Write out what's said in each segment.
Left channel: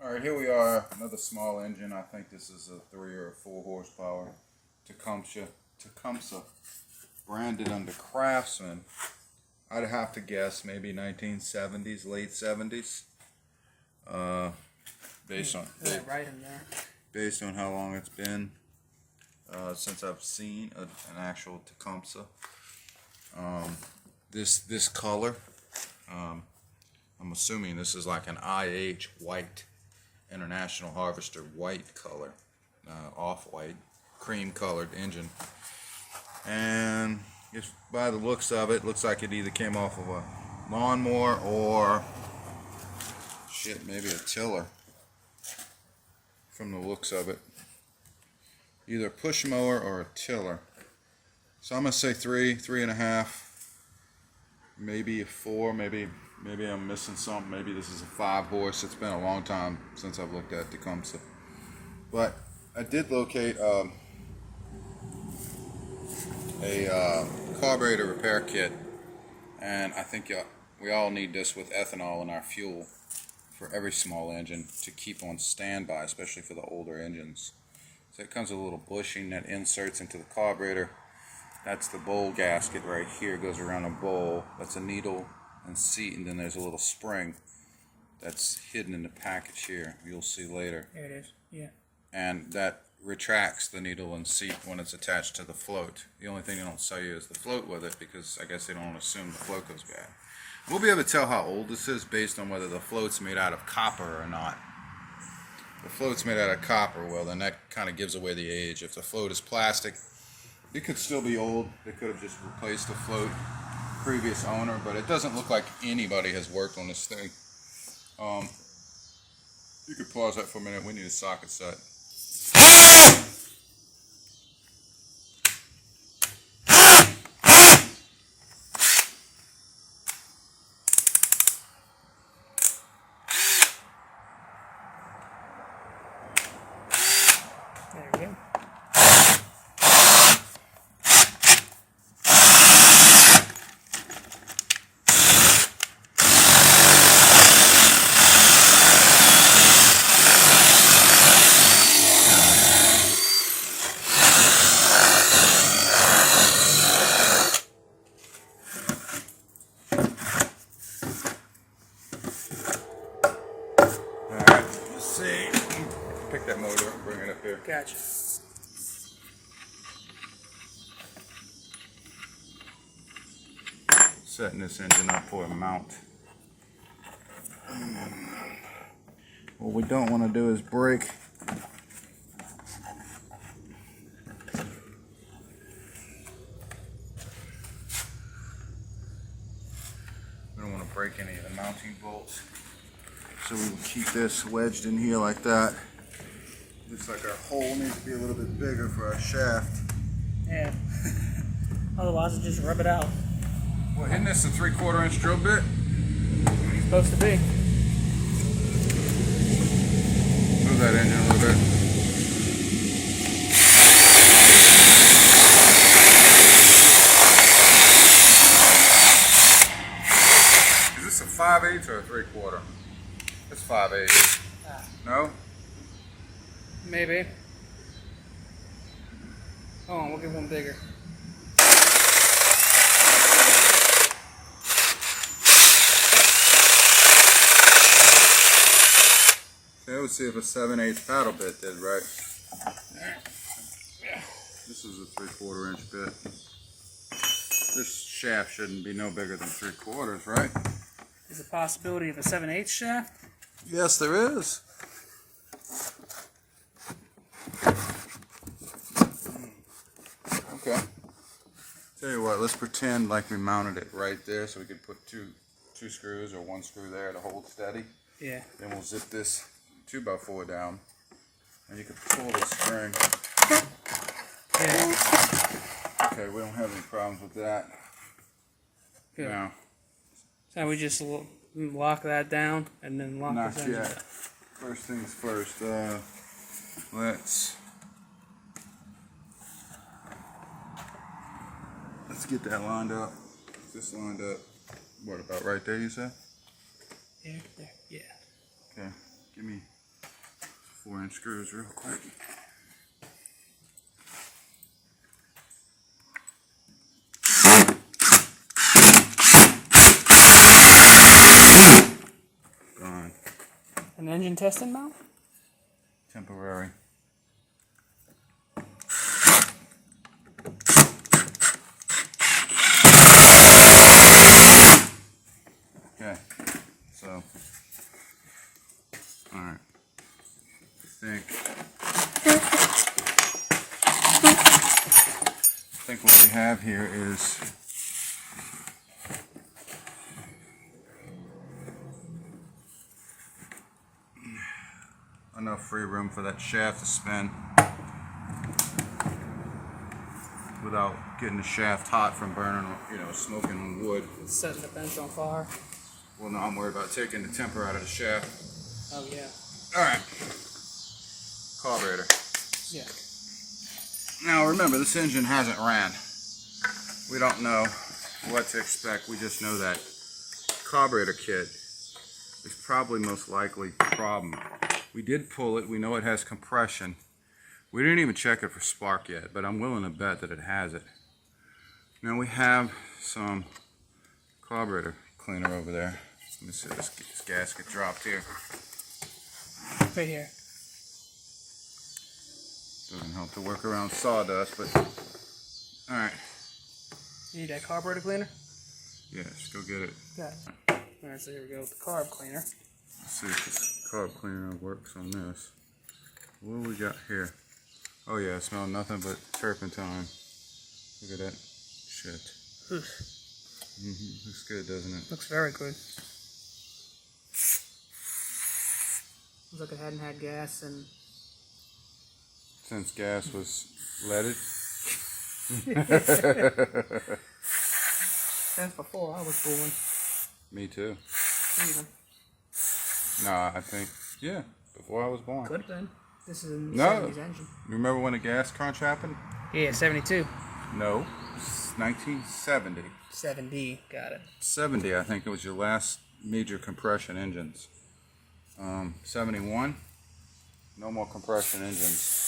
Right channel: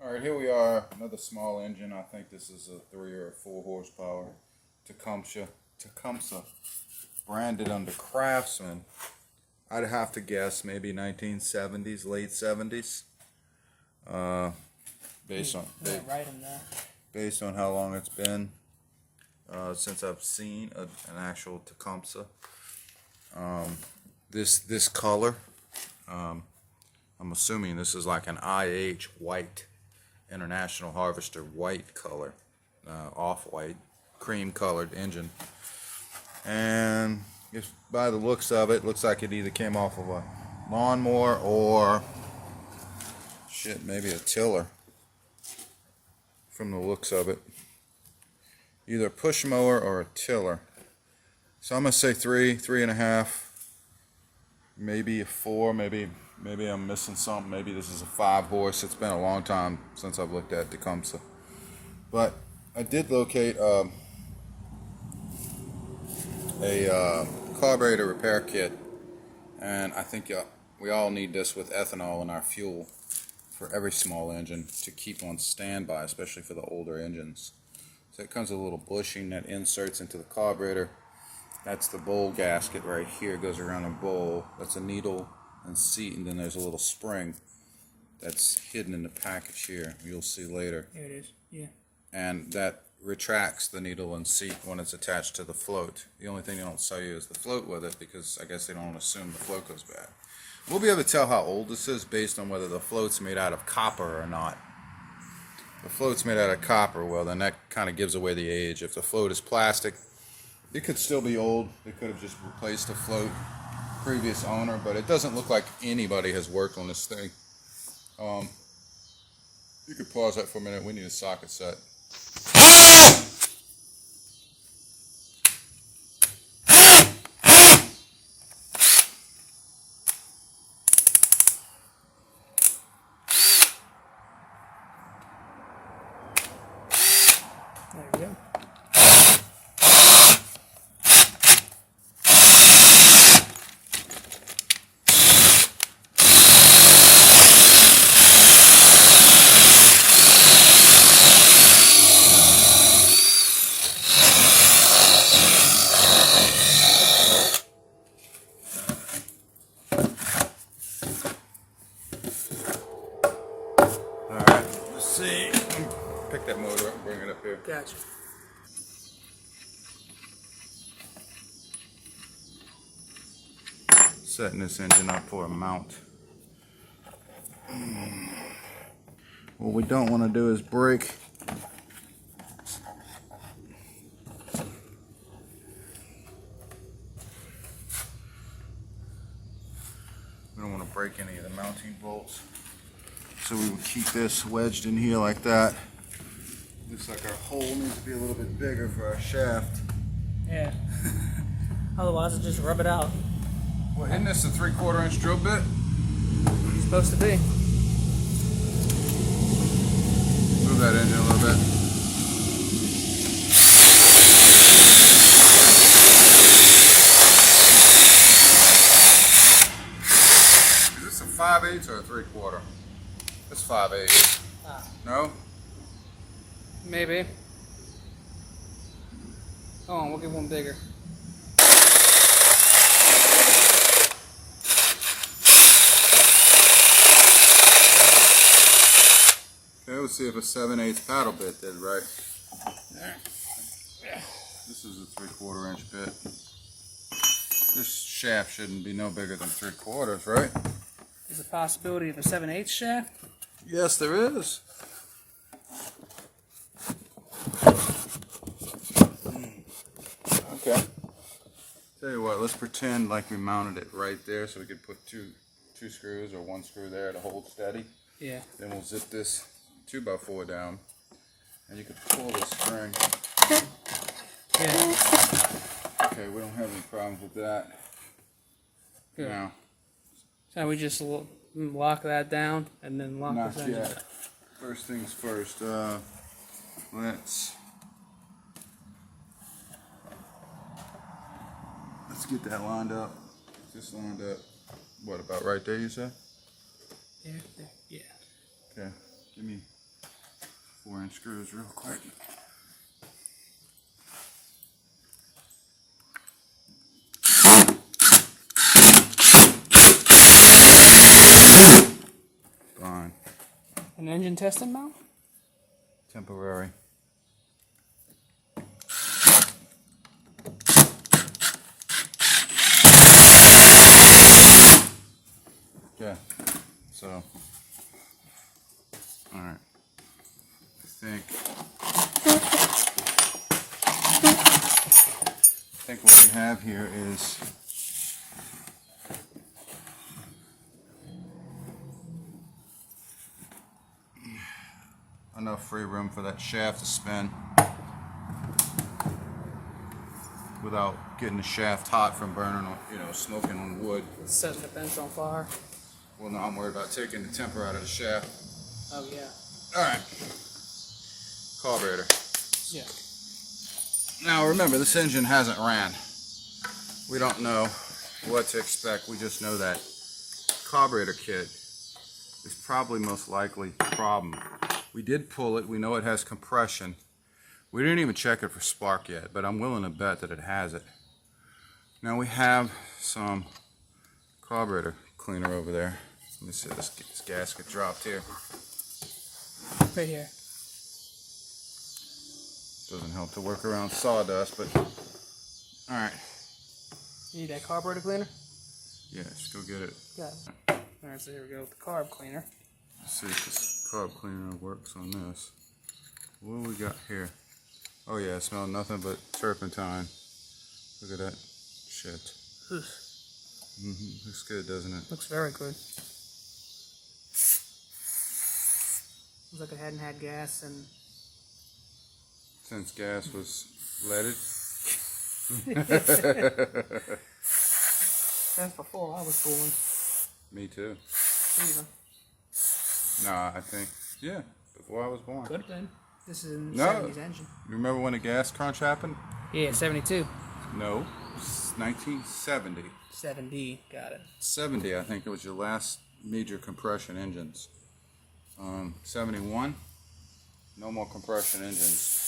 Alright, here we are, another small engine. I think this is a 3 or 4 horsepower Tecumseh, branded under Craftsman. I'd have to guess maybe 1970s, late 70s. Based on right in there. Based on how long it's been since I've seen an actual Tecumseh. This color, I'm assuming this is like an IH white, International Harvester white color, off-white, cream-colored engine. And if by the looks of it, looks like it either came off of a lawnmower or maybe a tiller. From the looks of it, either a push mower or a tiller. So I'm gonna say 3, 3.5, maybe a 4, maybe I'm missing something. Maybe this is a 5 horse. It's been a long time since I've looked at Tecumseh, but I did locate a carburetor repair kit, and I think we all need this with ethanol in our fuel for every small engine to keep on standby, especially for the older engines. So it comes with a little bushing that inserts into the carburetor. That's the bowl gasket right here. It goes around a bowl. That's a needle and seat, and then there's a little spring that's hidden in the package here. You'll see later. There it is. Yeah. And that retracts the needle and seat when it's attached to the float. The only thing they don't sell you is the float with it, because I guess they don't assume the float goes bad. We'll be able to tell how old this is based on whether the float's made out of copper or not. If the float's made out of copper, well, then that kind of gives away the age. If the float is plastic, it could still be old. They could have just replaced the float, previous owner, but it doesn't look like anybody has worked on this thing. You could pause that for a minute. We need a socket set. there we go. Alright, let's see. Pick that motor up and bring it up here. Gotcha. Setting this engine up for a mount. What we don't want to do is break any of the mounting bolts. So we will keep this wedged in here like that. Looks like our hole needs to be a little bit bigger for our shaft. Yeah. Otherwise, it just rub it out. Well, isn't this a 3/4 inch drill bit? It's supposed to be. Move that engine a little bit. Is this a 5/8 or a 3/4? It's 5/8. No? Maybe. Oh, we'll get one bigger. Okay, let's see if a 7/8 paddle bit did right. This is a 3/4 inch bit. This shaft shouldn't be no bigger than 3/4, right? There's a possibility of a 7/8 shaft? Yes, there is. Okay. Tell you what, let's pretend like we mounted it right there, so we could put two screws or 1 screw there to hold steady. Yeah. Then we'll zip this 2x4 down, and you can pull the spring. Yeah. Okay, we don't have any problems with that. Good. Now, So we just lock that down and then lock not this engine yet. down. First things first. Let's get that lined up. Just lined up. What, about right there, you said? There, yeah. Okay. Give me 4-inch screws real quick. Gone. An engine testing mount? Temporary. Okay, so, alright, I think what we have here is enough free room for that shaft to spin without getting the shaft hot from burning, smoking on wood. Setting the bench on fire. Well, no, I'm worried about taking the temper out of the shaft. Oh, yeah. Alright. Carburetor. Yeah. Now remember, this engine hasn't ran. We don't know what to expect. We just know that carburetor kit is probably most likely the problem. We did pull it. We know it has compression. We didn't even check it for spark yet, but I'm willing to bet that it has it. Now we have some carburetor cleaner over there. Let me see, this gasket dropped here. Right here. Doesn't help to work around sawdust, but alright. You need that carburetor cleaner? Yes, go get it. Got it. Alright, so here we go with the carb cleaner. Let's see if this carb cleaner works on this. What do we got here? Oh yeah, I smell nothing but turpentine. Look at that shit. Looks good, doesn't it? Looks very good. Looks like it hadn't had gas and... Since gas was leaded. That's before I was born. Me too. Even. No, I think, yeah, before I was born. Could have been. This is a No. 70s engine. You remember when the gas crunch happened? Yeah, 72. No, 1970. 7D, got it. 70, I think it was your last major compression engines. 71, no more compression engines.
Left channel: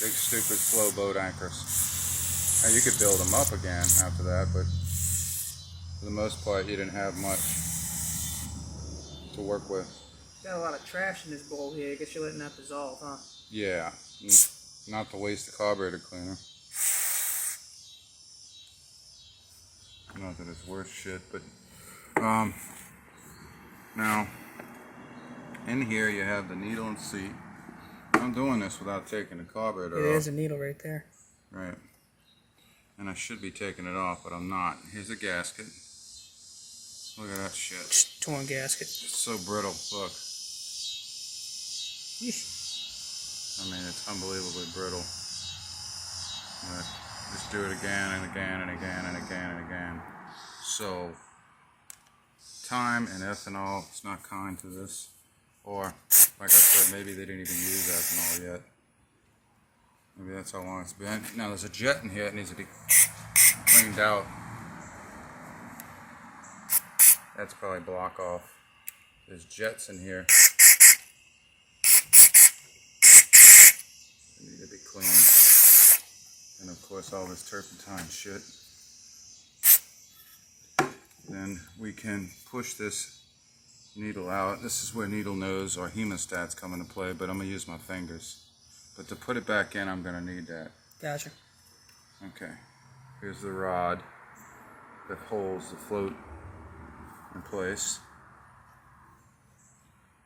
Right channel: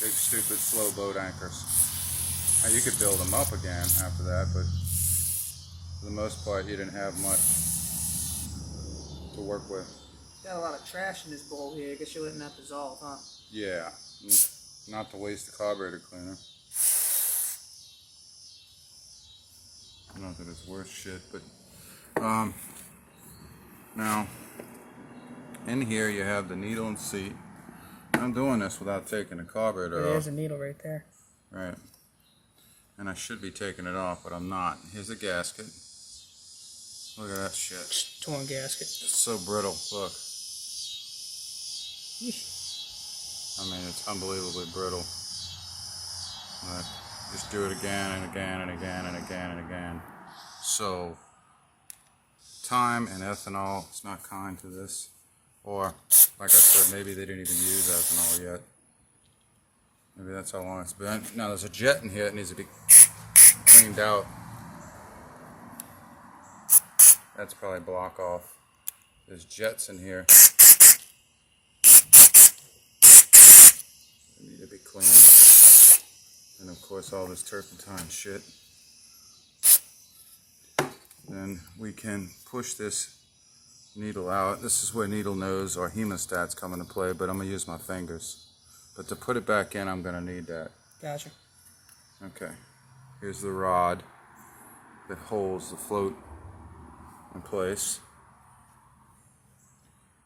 Big stupid slow boat anchors. Now you could build them up again after that, but for the most part you didn't have much to work with. Got a lot of trash in this bowl here. I guess you're letting that dissolve, huh? Yeah, not to waste the carburetor cleaner. Not that it's worth shit, but now in here you have the needle and seat. I'm doing this without taking the carburetor off. There's a needle right there. Right. And I should be taking it off, but I'm not. Here's the gasket. Look at that shit. Torn gasket. It's so brittle. Look. Yeesh. I mean, it's unbelievably brittle. But just do it again and again and again and again and again. So, time and ethanol, it's not kind to this. Or, like I said, maybe they didn't even use ethanol yet. Maybe that's how long it's been. Now, there's a jet in here that needs to be cleaned out. That's probably block off. There's jets in here. They need to be cleaned. And of course all this turpentine shit. Then we can push this needle out. This is where needle nose or hemostats come into play, but I'm going to use my fingers. But to put it back in, I'm going to need that. Gotcha. Okay. Here's the rod that holds the float in place.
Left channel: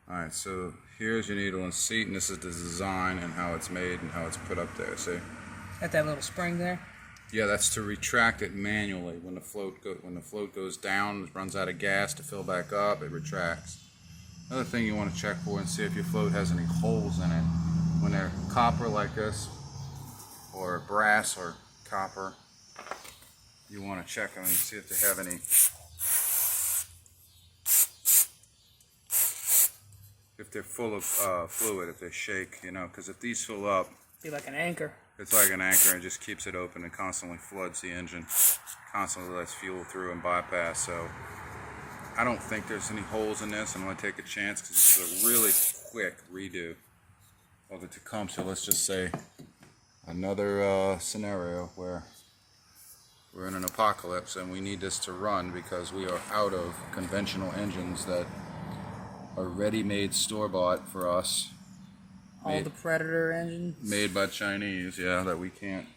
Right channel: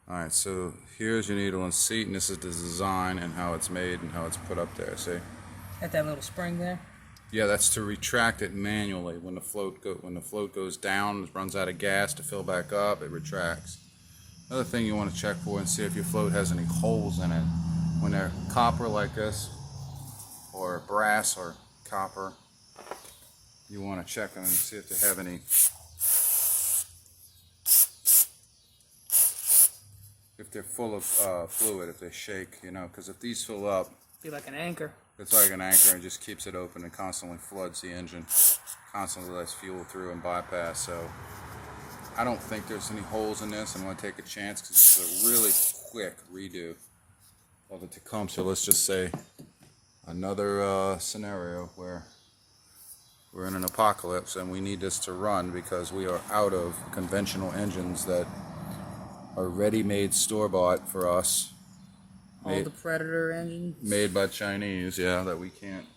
Alright, so here's your needle and seat, and this is the design and how it's made and how it's put up there, see? Got that little spring there? Yeah, that's to retract it manually. When the float goes down, it runs out of gas to fill back up, it retracts. Another thing you want to check for and see if your float has any holes in it. When they're copper like this, or brass or copper, you want to check them and see if they have any. If they're full of fluid, if they shake, because if these fill up, Be like an anchor. it's like an anchor and just keeps it open and constantly floods the engine, constantly lets fuel through and bypass. So I don't think there's any holes in this. I'm going to take a chance because this is a really quick redo. or the Tecumseh, let's just say another scenario where we're in an apocalypse and we need this to run because we are out of conventional engines that are ready-made store-bought for us. All the Predator engines. Made by Chinese, yeah, that we can't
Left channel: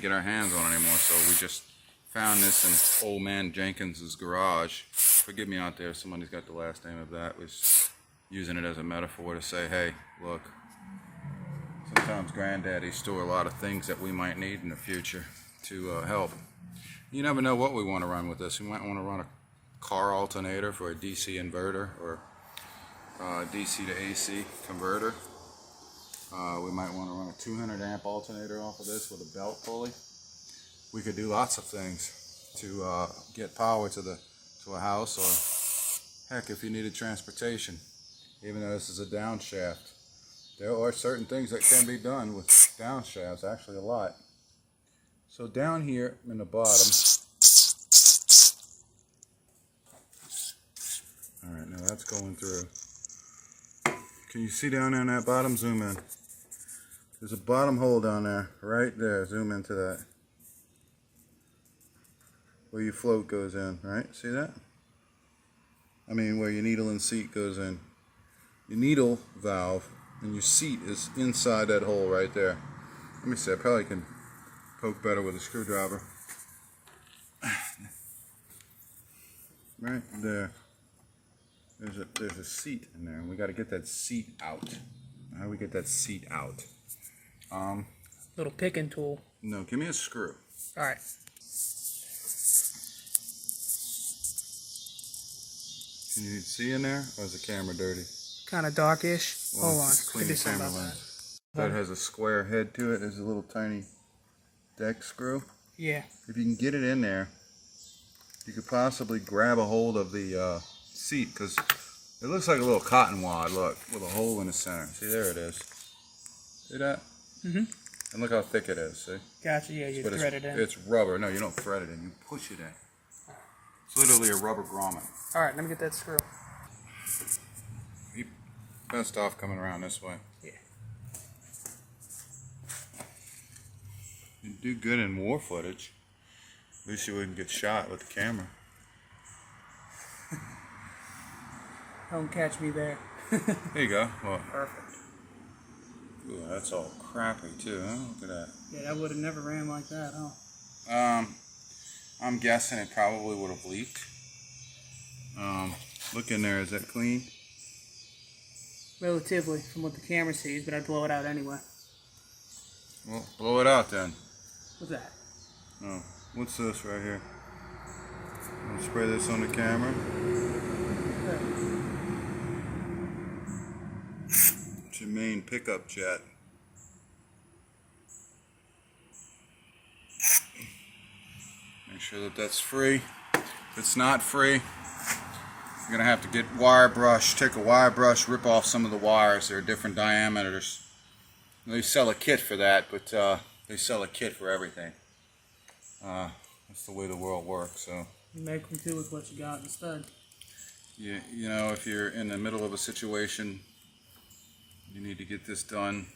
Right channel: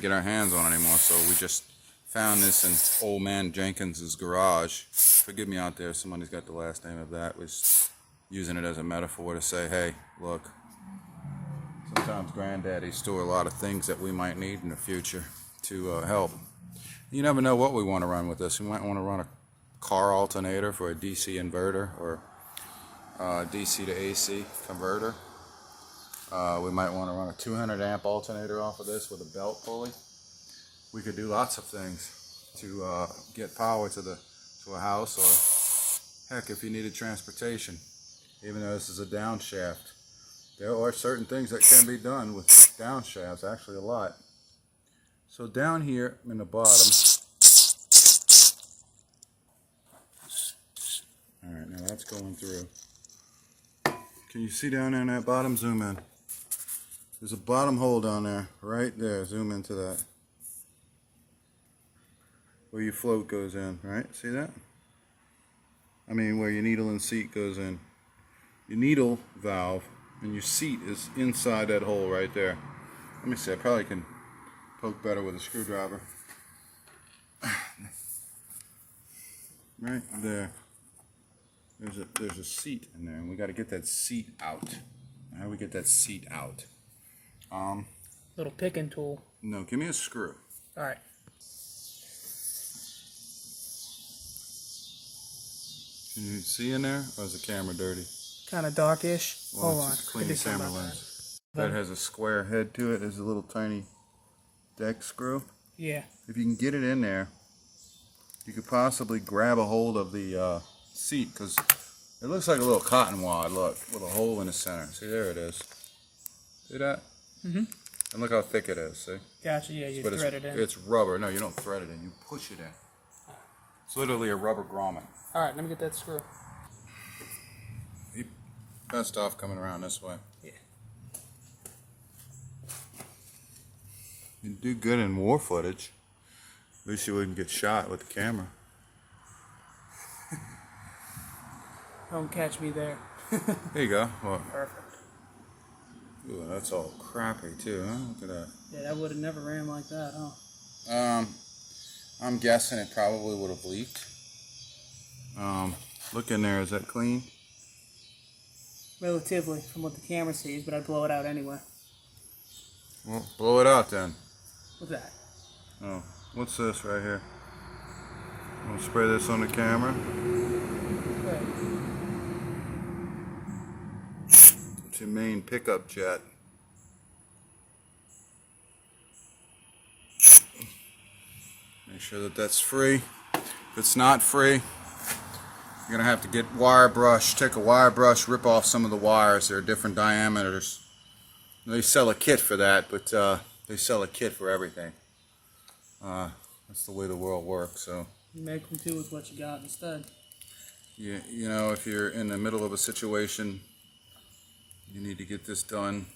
get our hands on anymore. So we just found this in old man Jenkins's garage. Forgive me out there if somebody's got the last name of that. Was using it as a metaphor to say, hey, look, sometimes granddaddies store a lot of things that we might need in the future to help. You never know what we want to run with this. We might want to run a car alternator for a DC inverter or DC to AC converter. We might want to run a 200 amp alternator off of this with a belt pulley. We could do lots of things to get power to a house, or heck, if you needed transportation, even though this is a downshaft. There are certain things that can be done with downshafts, actually a lot. So down here in the bottom, all right, now that's going through. Can you see down there in that bottom? Zoom in. There's a bottom hole down there, right there. Zoom into that. Where your float goes in, right? See that? I mean, where your needle and seat goes in. Your needle valve and your seat is inside that hole right there. Let me see, I probably can poke better with a screwdriver. Right there. There's a seat in there, and we got to get that seat out. How do we get that seat out? Little picking tool. No, give me a screw. All right. Can you see in there, or is the camera dirty? Kind of darkish. Well, Hold on. just clean Could the do something camera about lens. That has a square head to it. There's a little tiny deck screw. Yeah. If you can get it in there, you could possibly grab a hold of the seat, because it looks like a little cotton wad, look, with a hole in the center. See, there it is. See that? Mm-hmm. And look how thick it is, see? Gotcha, yeah, you But thread it in. It's rubber. No, you don't thread it in. You push it in. It's literally a rubber grommet. All right, let me get that screw. You best off coming around this way. Yeah. You do good in war footage. At least you wouldn't get shot with the camera. Don't catch me there. There you go. Well, Perfect. ooh, that's all crappy too, huh? Look at that. Yeah, that would have never ran like that, huh? I'm guessing it probably would have leaked. Look in there, is that clean? Relatively, from what the camera sees, but I'd blow it out anyway. Well, blow it out then. What's that? Oh, what's this right here? I'll spray this on the camera. Good. It's your main pickup jet. Make sure that that's free. If it's not free, you're gonna have to get wire brush, take a wire brush, rip off some of the wires. There are different diameters. They sell a kit for that, but they sell a kit for everything. That's the way the world works. So You make them do with what you got instead. you know, if you're in the middle of a situation, you need to get this done.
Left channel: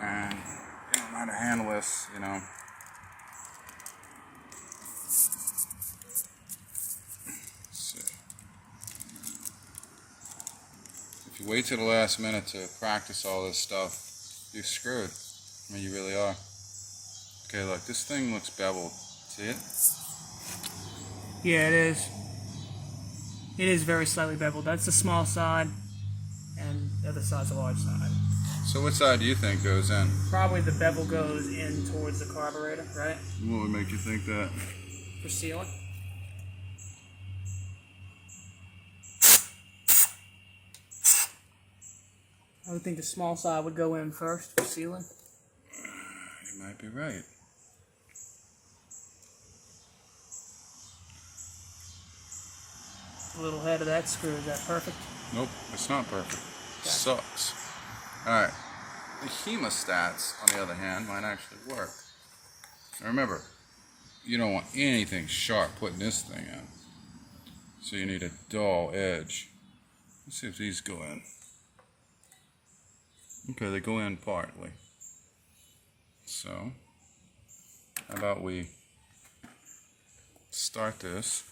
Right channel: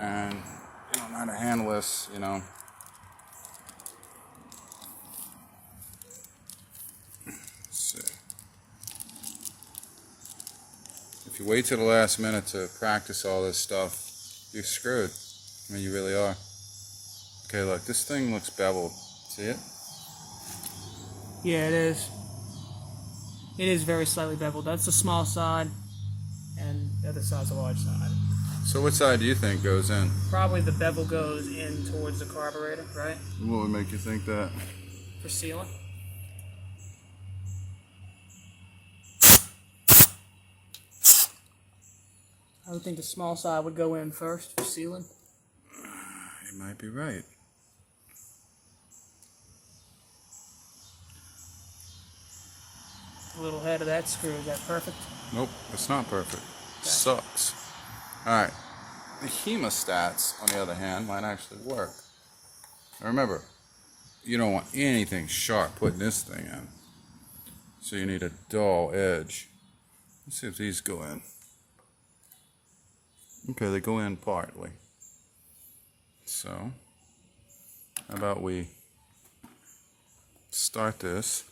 And you don't know how to handle this, you know. So, if you wait till the last minute to practice all this stuff, you're screwed. I mean, you really are. Okay, look, this thing looks beveled. See it? Yeah, it is. It is very slightly beveled. That's the small side, and the other side's the large side. So what side do you think goes in? Probably the bevel goes in towards the carburetor, right? What would make you think that? For sealing. I would think the small side would go in first for sealing. You might be right. The little head of that screw, is that perfect? Nope, it's not perfect. Sucks. Alright. The hemostats, on the other hand, might actually work. Now remember, you don't want anything sharp putting this thing in. So you need a dull edge. Let's see if these go in. Okay, they go in partly. So, how about we start this.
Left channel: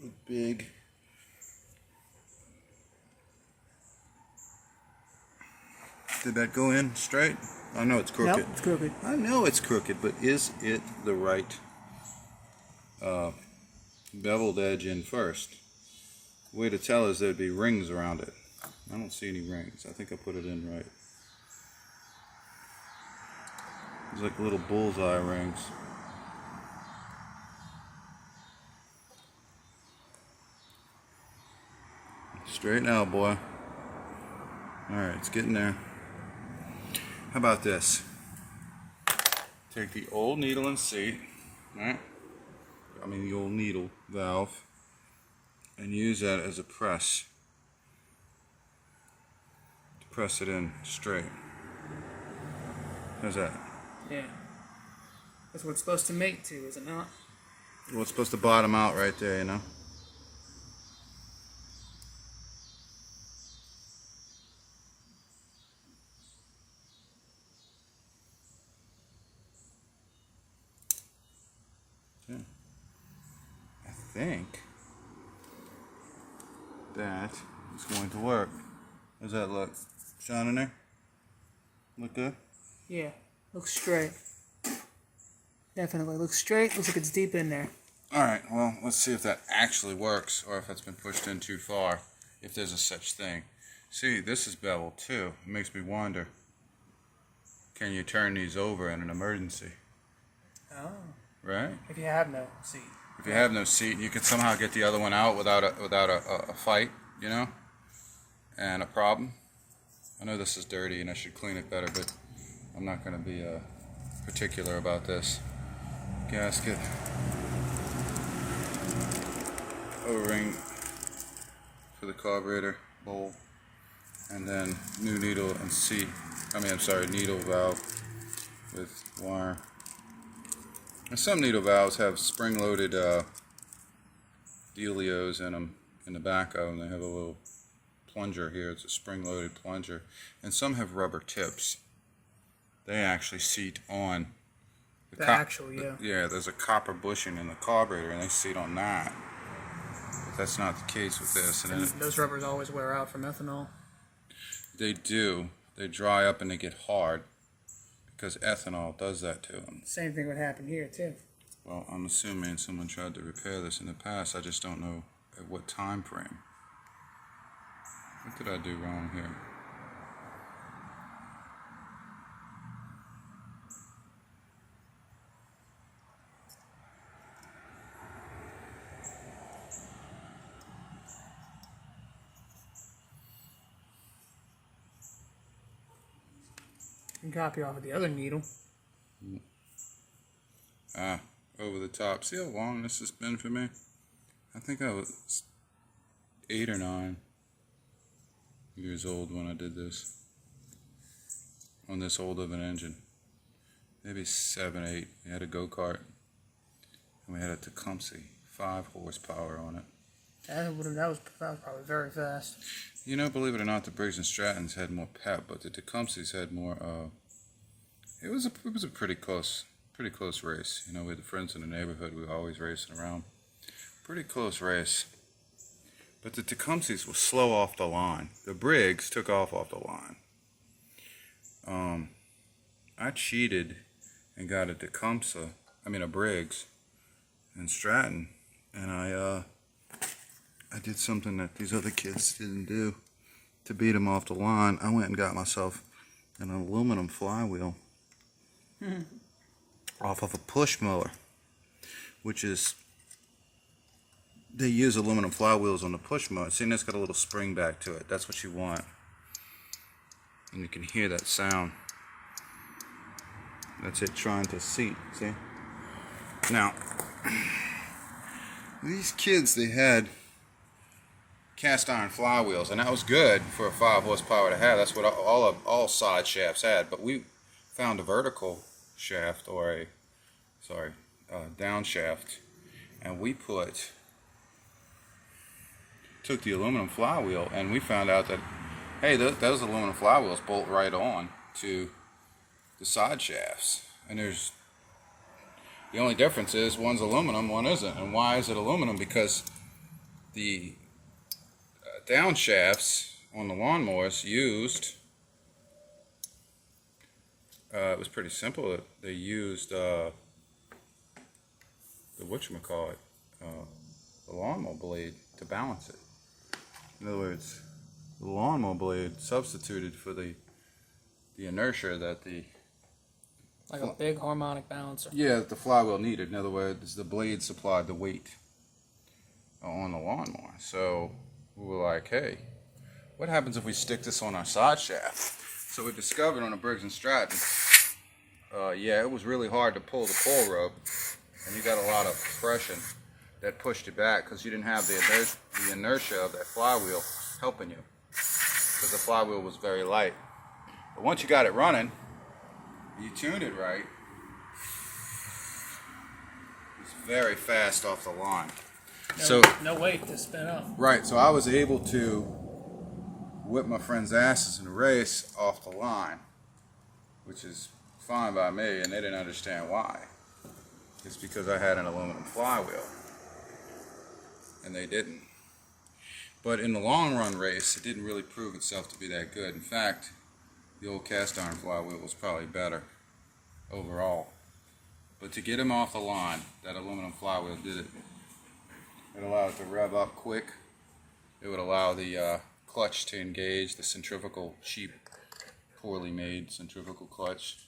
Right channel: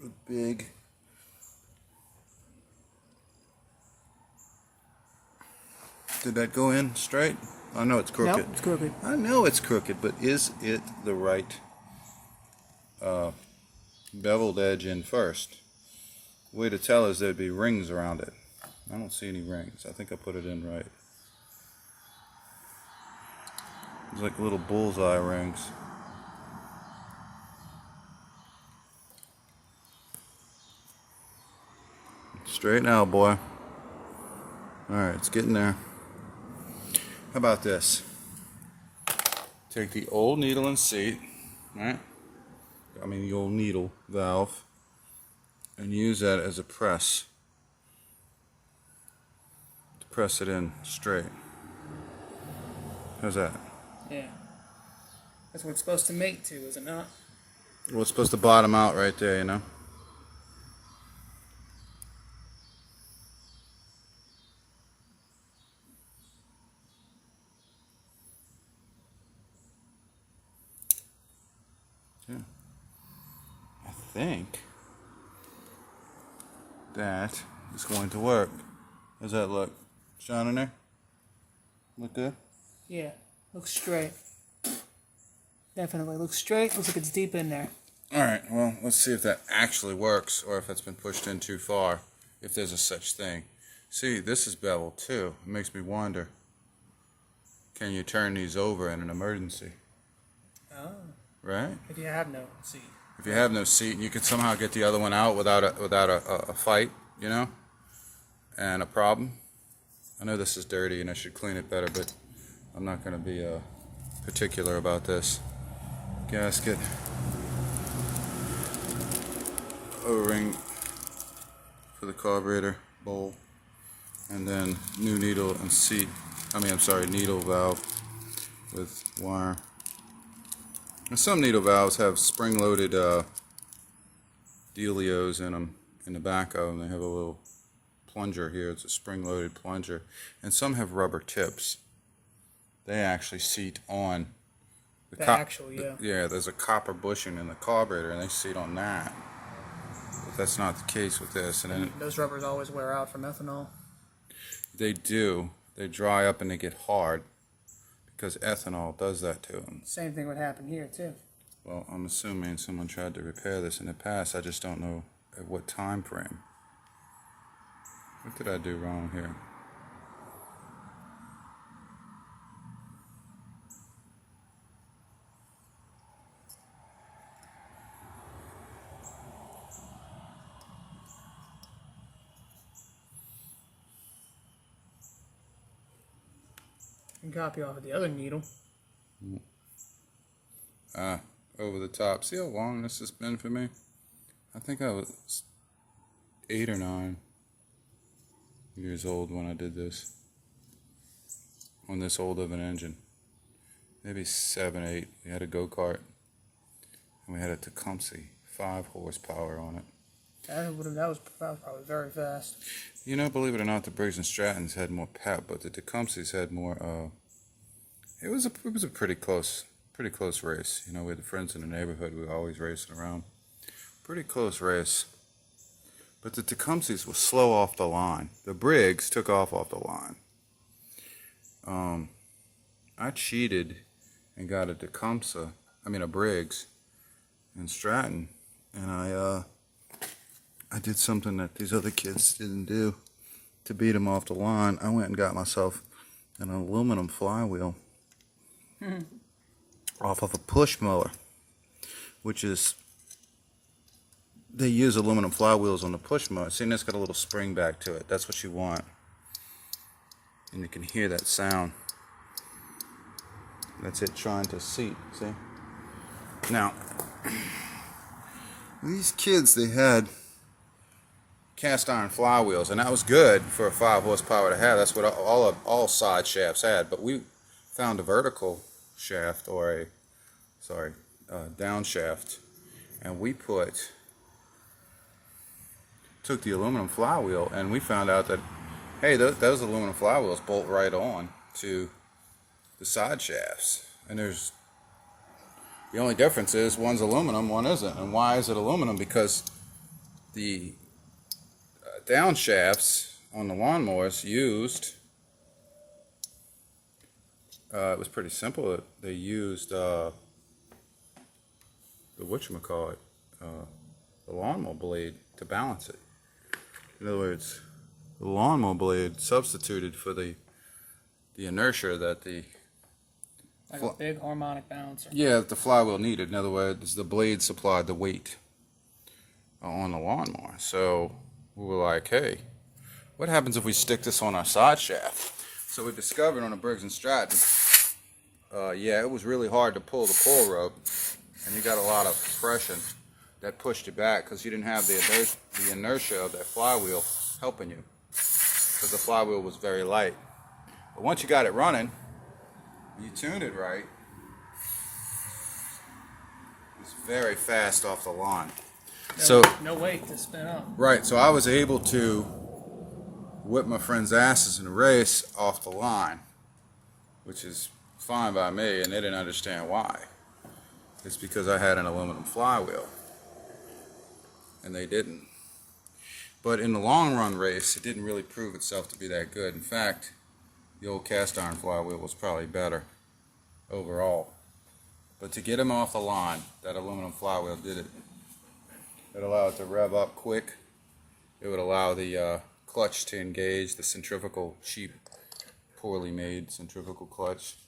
With big. Did that go in straight? I know it's crooked. Nope, it's crooked. I know it's crooked, but is it the right beveled edge in first? Way to tell is there'd be rings around it. I don't see any rings. I think I put it in right. It's like little bullseye rings. Straight now, boy. Alright, it's getting there. How about this? Take the old needle and seat, right? I mean the old needle valve, and use that as a press to press it in straight. How's that? Yeah. That's what it's supposed to mate to, is it not? Well, it's supposed to bottom out right there, you know? Yeah. I think that is going to work. How's that look? Shine in there? Look good? Yeah. Looks straight. Definitely looks straight. Looks like it's deep in there. Alright, well, let's see if that actually works, or if it's been pushed in too far, if there's a such thing. See, this is beveled too. It makes me wonder, can you turn these over in an emergency? Oh. Right? If you have no seat. If you have no seat, you could somehow get the other one out without a fight, you know, and a problem. I know this is dirty and I should clean it better, but I'm not going to be particular about this. Gasket, O-ring for the carburetor bowl, and then new needle and seat. Needle valve with wire. And some needle valves have spring-loaded dealios in them, in the back of them. They have a little plunger here. It's a spring-loaded plunger. And some have rubber tips. They actually seat on The actual, yeah. Yeah, there's a copper bushing in the carburetor, and they seat on that. But that's not the case with this. And those rubbers always wear out from ethanol. They do. They dry up and they get hard because ethanol does that to them. Same thing would happen here, too. Well, I'm assuming someone tried to repair this in the past. I just don't know at what time frame. What did I do wrong here? You can copy off of the other needle. Over the top. See how long this has been for me? I think I was 8 or 9 years old when I did this. On this old of an engine. Maybe 7, 8. We had a go-kart. And we had a Tecumseh 5 horsepower on it. That was probably very fast. You know, believe it or not, the Briggs and Strattons had more pep, but the Tecumsehs had more. It was a pretty close race. You know, we had the friends in the neighborhood. We were always racing around. Pretty close race. But the Tecumsehs were slow off the line. The Briggs took off the line. I cheated and got a Briggs and Stratton, and I did something that these other kids didn't do to beat them off the line. I went and got myself an aluminum flywheel off of a push mower, which is, they use aluminum flywheels on the push mower. See, and it's got a little spring back to it. That's what you want. And you can hear that sound. That's it trying to seat, see? Now, these kids, they had cast iron flywheels, and that was good for a 5 horsepower to have. That's what all side shafts had. But we found a vertical shaft, or down shaft, and we took the aluminum flywheel, and we found out that, hey, those aluminum flywheels bolt right on to the side shafts, and the only difference is one's aluminum, one isn't. And why is it aluminum? Because the down shafts on the lawnmowers used, it was pretty simple. They used the whatchamacallit, the lawnmower blade to balance it. In other words, the lawnmower blade substituted for the inertia that like a big harmonic balancer. Yeah, the flywheel needed. In other words, the blade supplied the weight on the lawnmower. So we were like, hey, what happens if we stick this on our side shaft? So we discovered on a Briggs & Stratton, yeah, it was really hard to pull the pull rope, and you got a lot of friction that pushed you back because you didn't have the inertia of that flywheel helping you, because the flywheel was very light. But once you got it running, you tuned it right, it's very fast off the line. No weight to spin up. Right, so I was able to whip my friends' asses in a race off the line, which is fine by me, and they didn't understand why. It's because I had an aluminum flywheel, and they didn't. But in the long run race, it didn't really prove itself to be that good. In fact, the old cast iron flywheel was probably better overall. But to get them off the line, that aluminum flywheel did it. It allowed it to rev up quick. It would allow the clutch to engage, the centrifugal, cheap, poorly made centrifugal clutch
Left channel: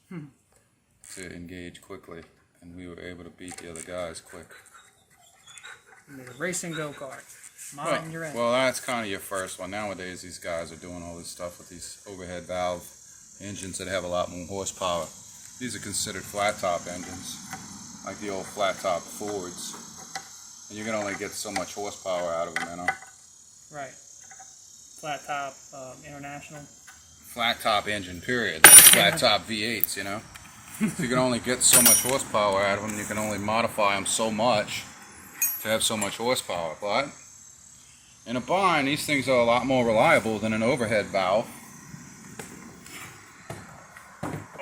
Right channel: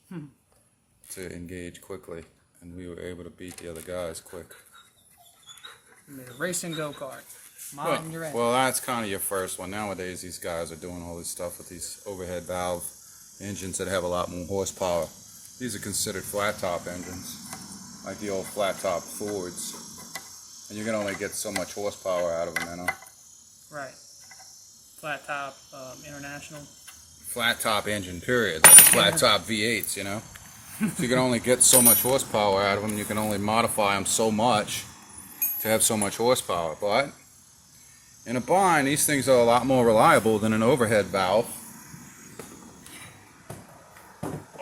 to engage quickly. And we were able to beat the other guys quick. You made a racing go-kart. Mountain you're in. Well, that's kind of your first one. Nowadays, these guys are doing all this stuff with these overhead valve engines that have a lot more horsepower. These are considered flat-top engines, like the old flat-top Fords. And you can only get so much horsepower out of them, you know? Right. Flat top, international. Flat top engine, period. Like flat top V8s, you know? So you can only get so much horsepower out of them. You can only modify them so much to have so much horsepower. But in a bind, these things are a lot more reliable than an overhead valve.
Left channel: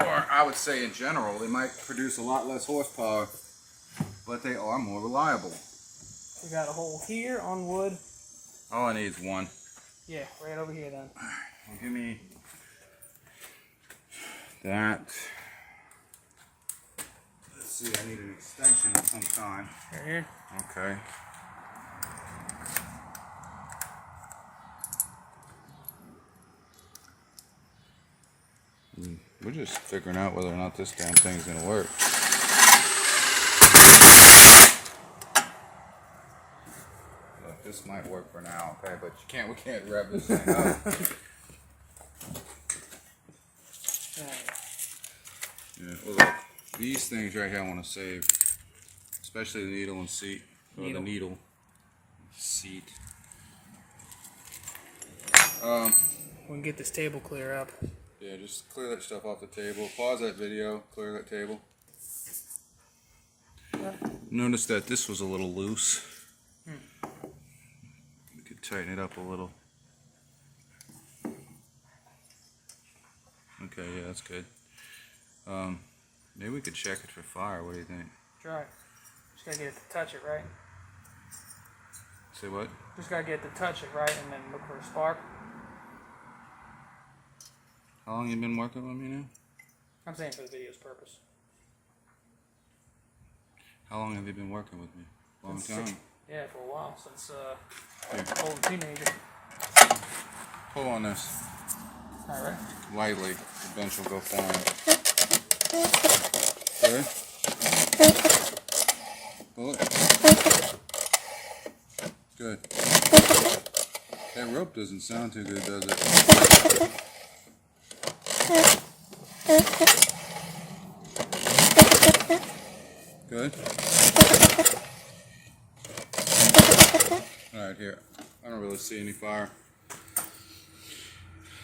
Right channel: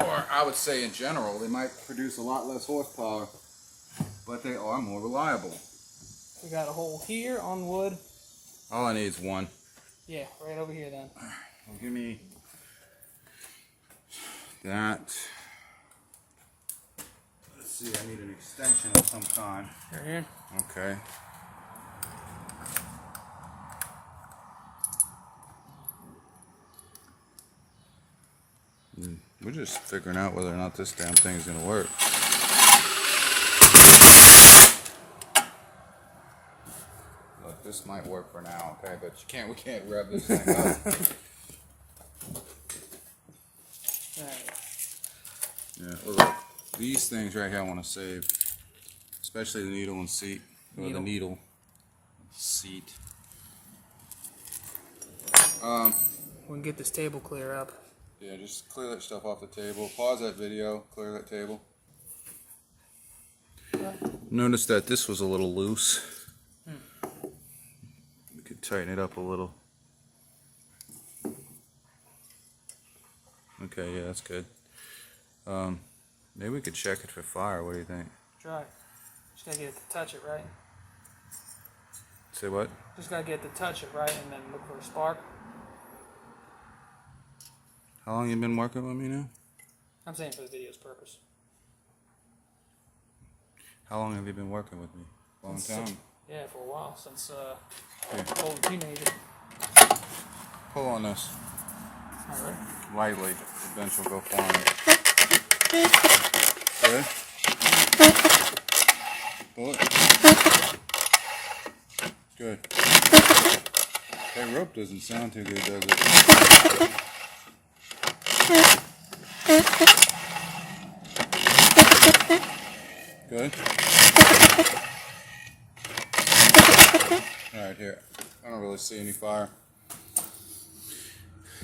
Or I would say in general, they might produce a lot less horsepower, but they are more reliable. We got a hole here on wood. All I need is one. Yeah, right over here then. Well, give me that. Let's see, I need an extension of some kind. Right here. Okay. We're just figuring out whether or not this damn thing is going to work. Look, this might work for now, okay? But we can't rev this thing up. Alright. Yeah, well, look, these things right here I want to save, especially the needle and seat, or the needle seat. We can get this table clear up. Yeah, just clear that stuff off the table. Pause that video, clear that table. Notice that this was a little loose. We could tighten it up a little. Okay, yeah, that's good. Maybe we could check it for fire. What do you think? Try. Just gotta get it to touch it right. Say what? Just gotta get it to touch it right and then look for a spark. How long you been working with me now? I'm saying for the video's purpose. How long have you been working with me? Long time? Yeah, for a while, since old teenager. Pull on this. Alright. Lightly. The bench will go flying. Good? Pull it. Good. That rope doesn't sound too good, does it? Good? Alright, here. I don't really see any fire.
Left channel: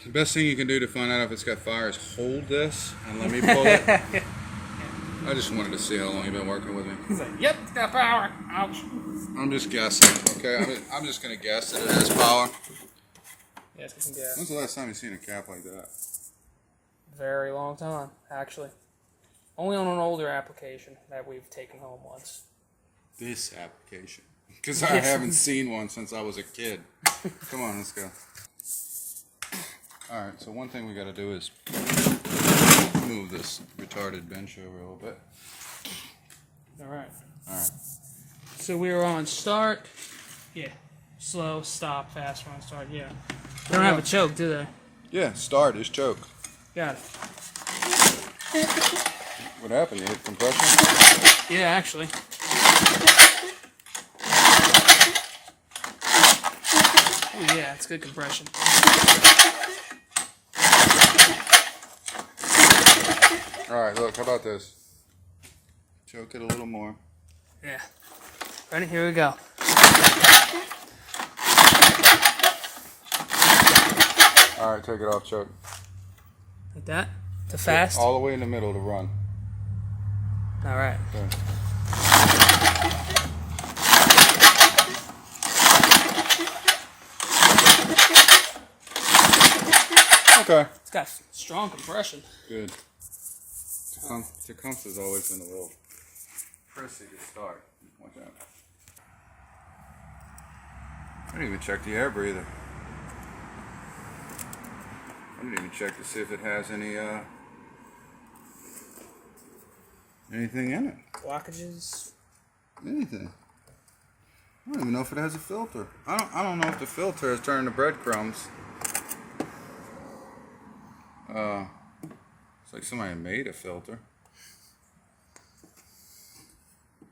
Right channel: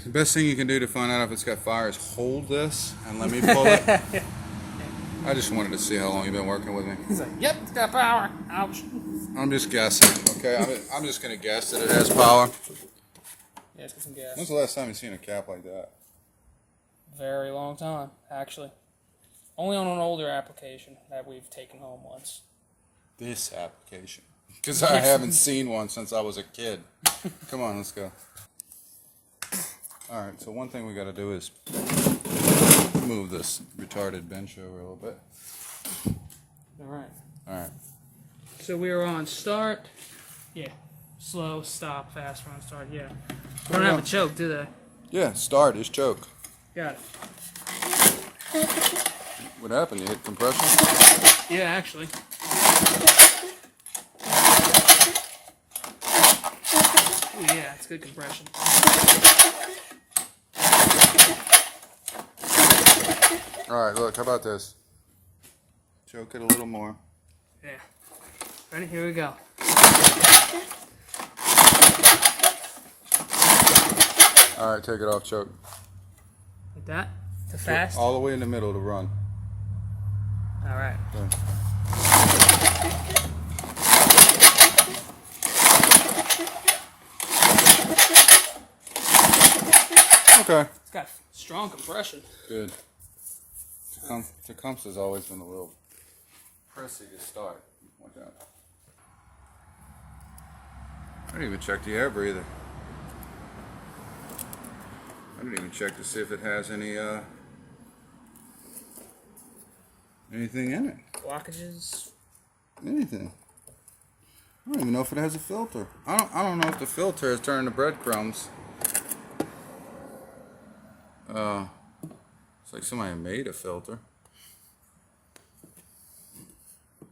The best thing you can do to find out if it's got fire is hold this and let me pull it. I just wanted to see how long you've been working with me. He's like, yep, it's got power. Ouch. I'm just guessing, okay? I'm just going to guess that it has power. Yeah, let's get some gas. When's the last time you've seen a cap like that? Very long time, actually. Only on an older application that we've taken home once. This application. Because I haven't seen one since I was a kid. Come on, let's go. Alright, so one thing we got to do is move this retarded bench over a little bit. Alright. Alright. So we are on start. Yeah. Slow, stop, fast run, start. Yeah. They don't have a choke, do they? Yeah, start is choke. Got it. What happened? You hit compression? Yeah, actually. Oh yeah, it's good compression. Alright, look, how about this? Choke it a little more. Yeah. Ready? Here we go. Alright, take it off, choke. Like that? To fast? All the way in the middle to run. Alright. There. Okay. It's got strong compression. Good. Tecumseh has always been a little pressy to start. Watch out. I didn't even check the air breather. I didn't even check to see if it has any anything in it. Blockages. Anything. I don't even know if it has a filter. I don't know if the filter is turning to breadcrumbs. It's like somebody made a filter.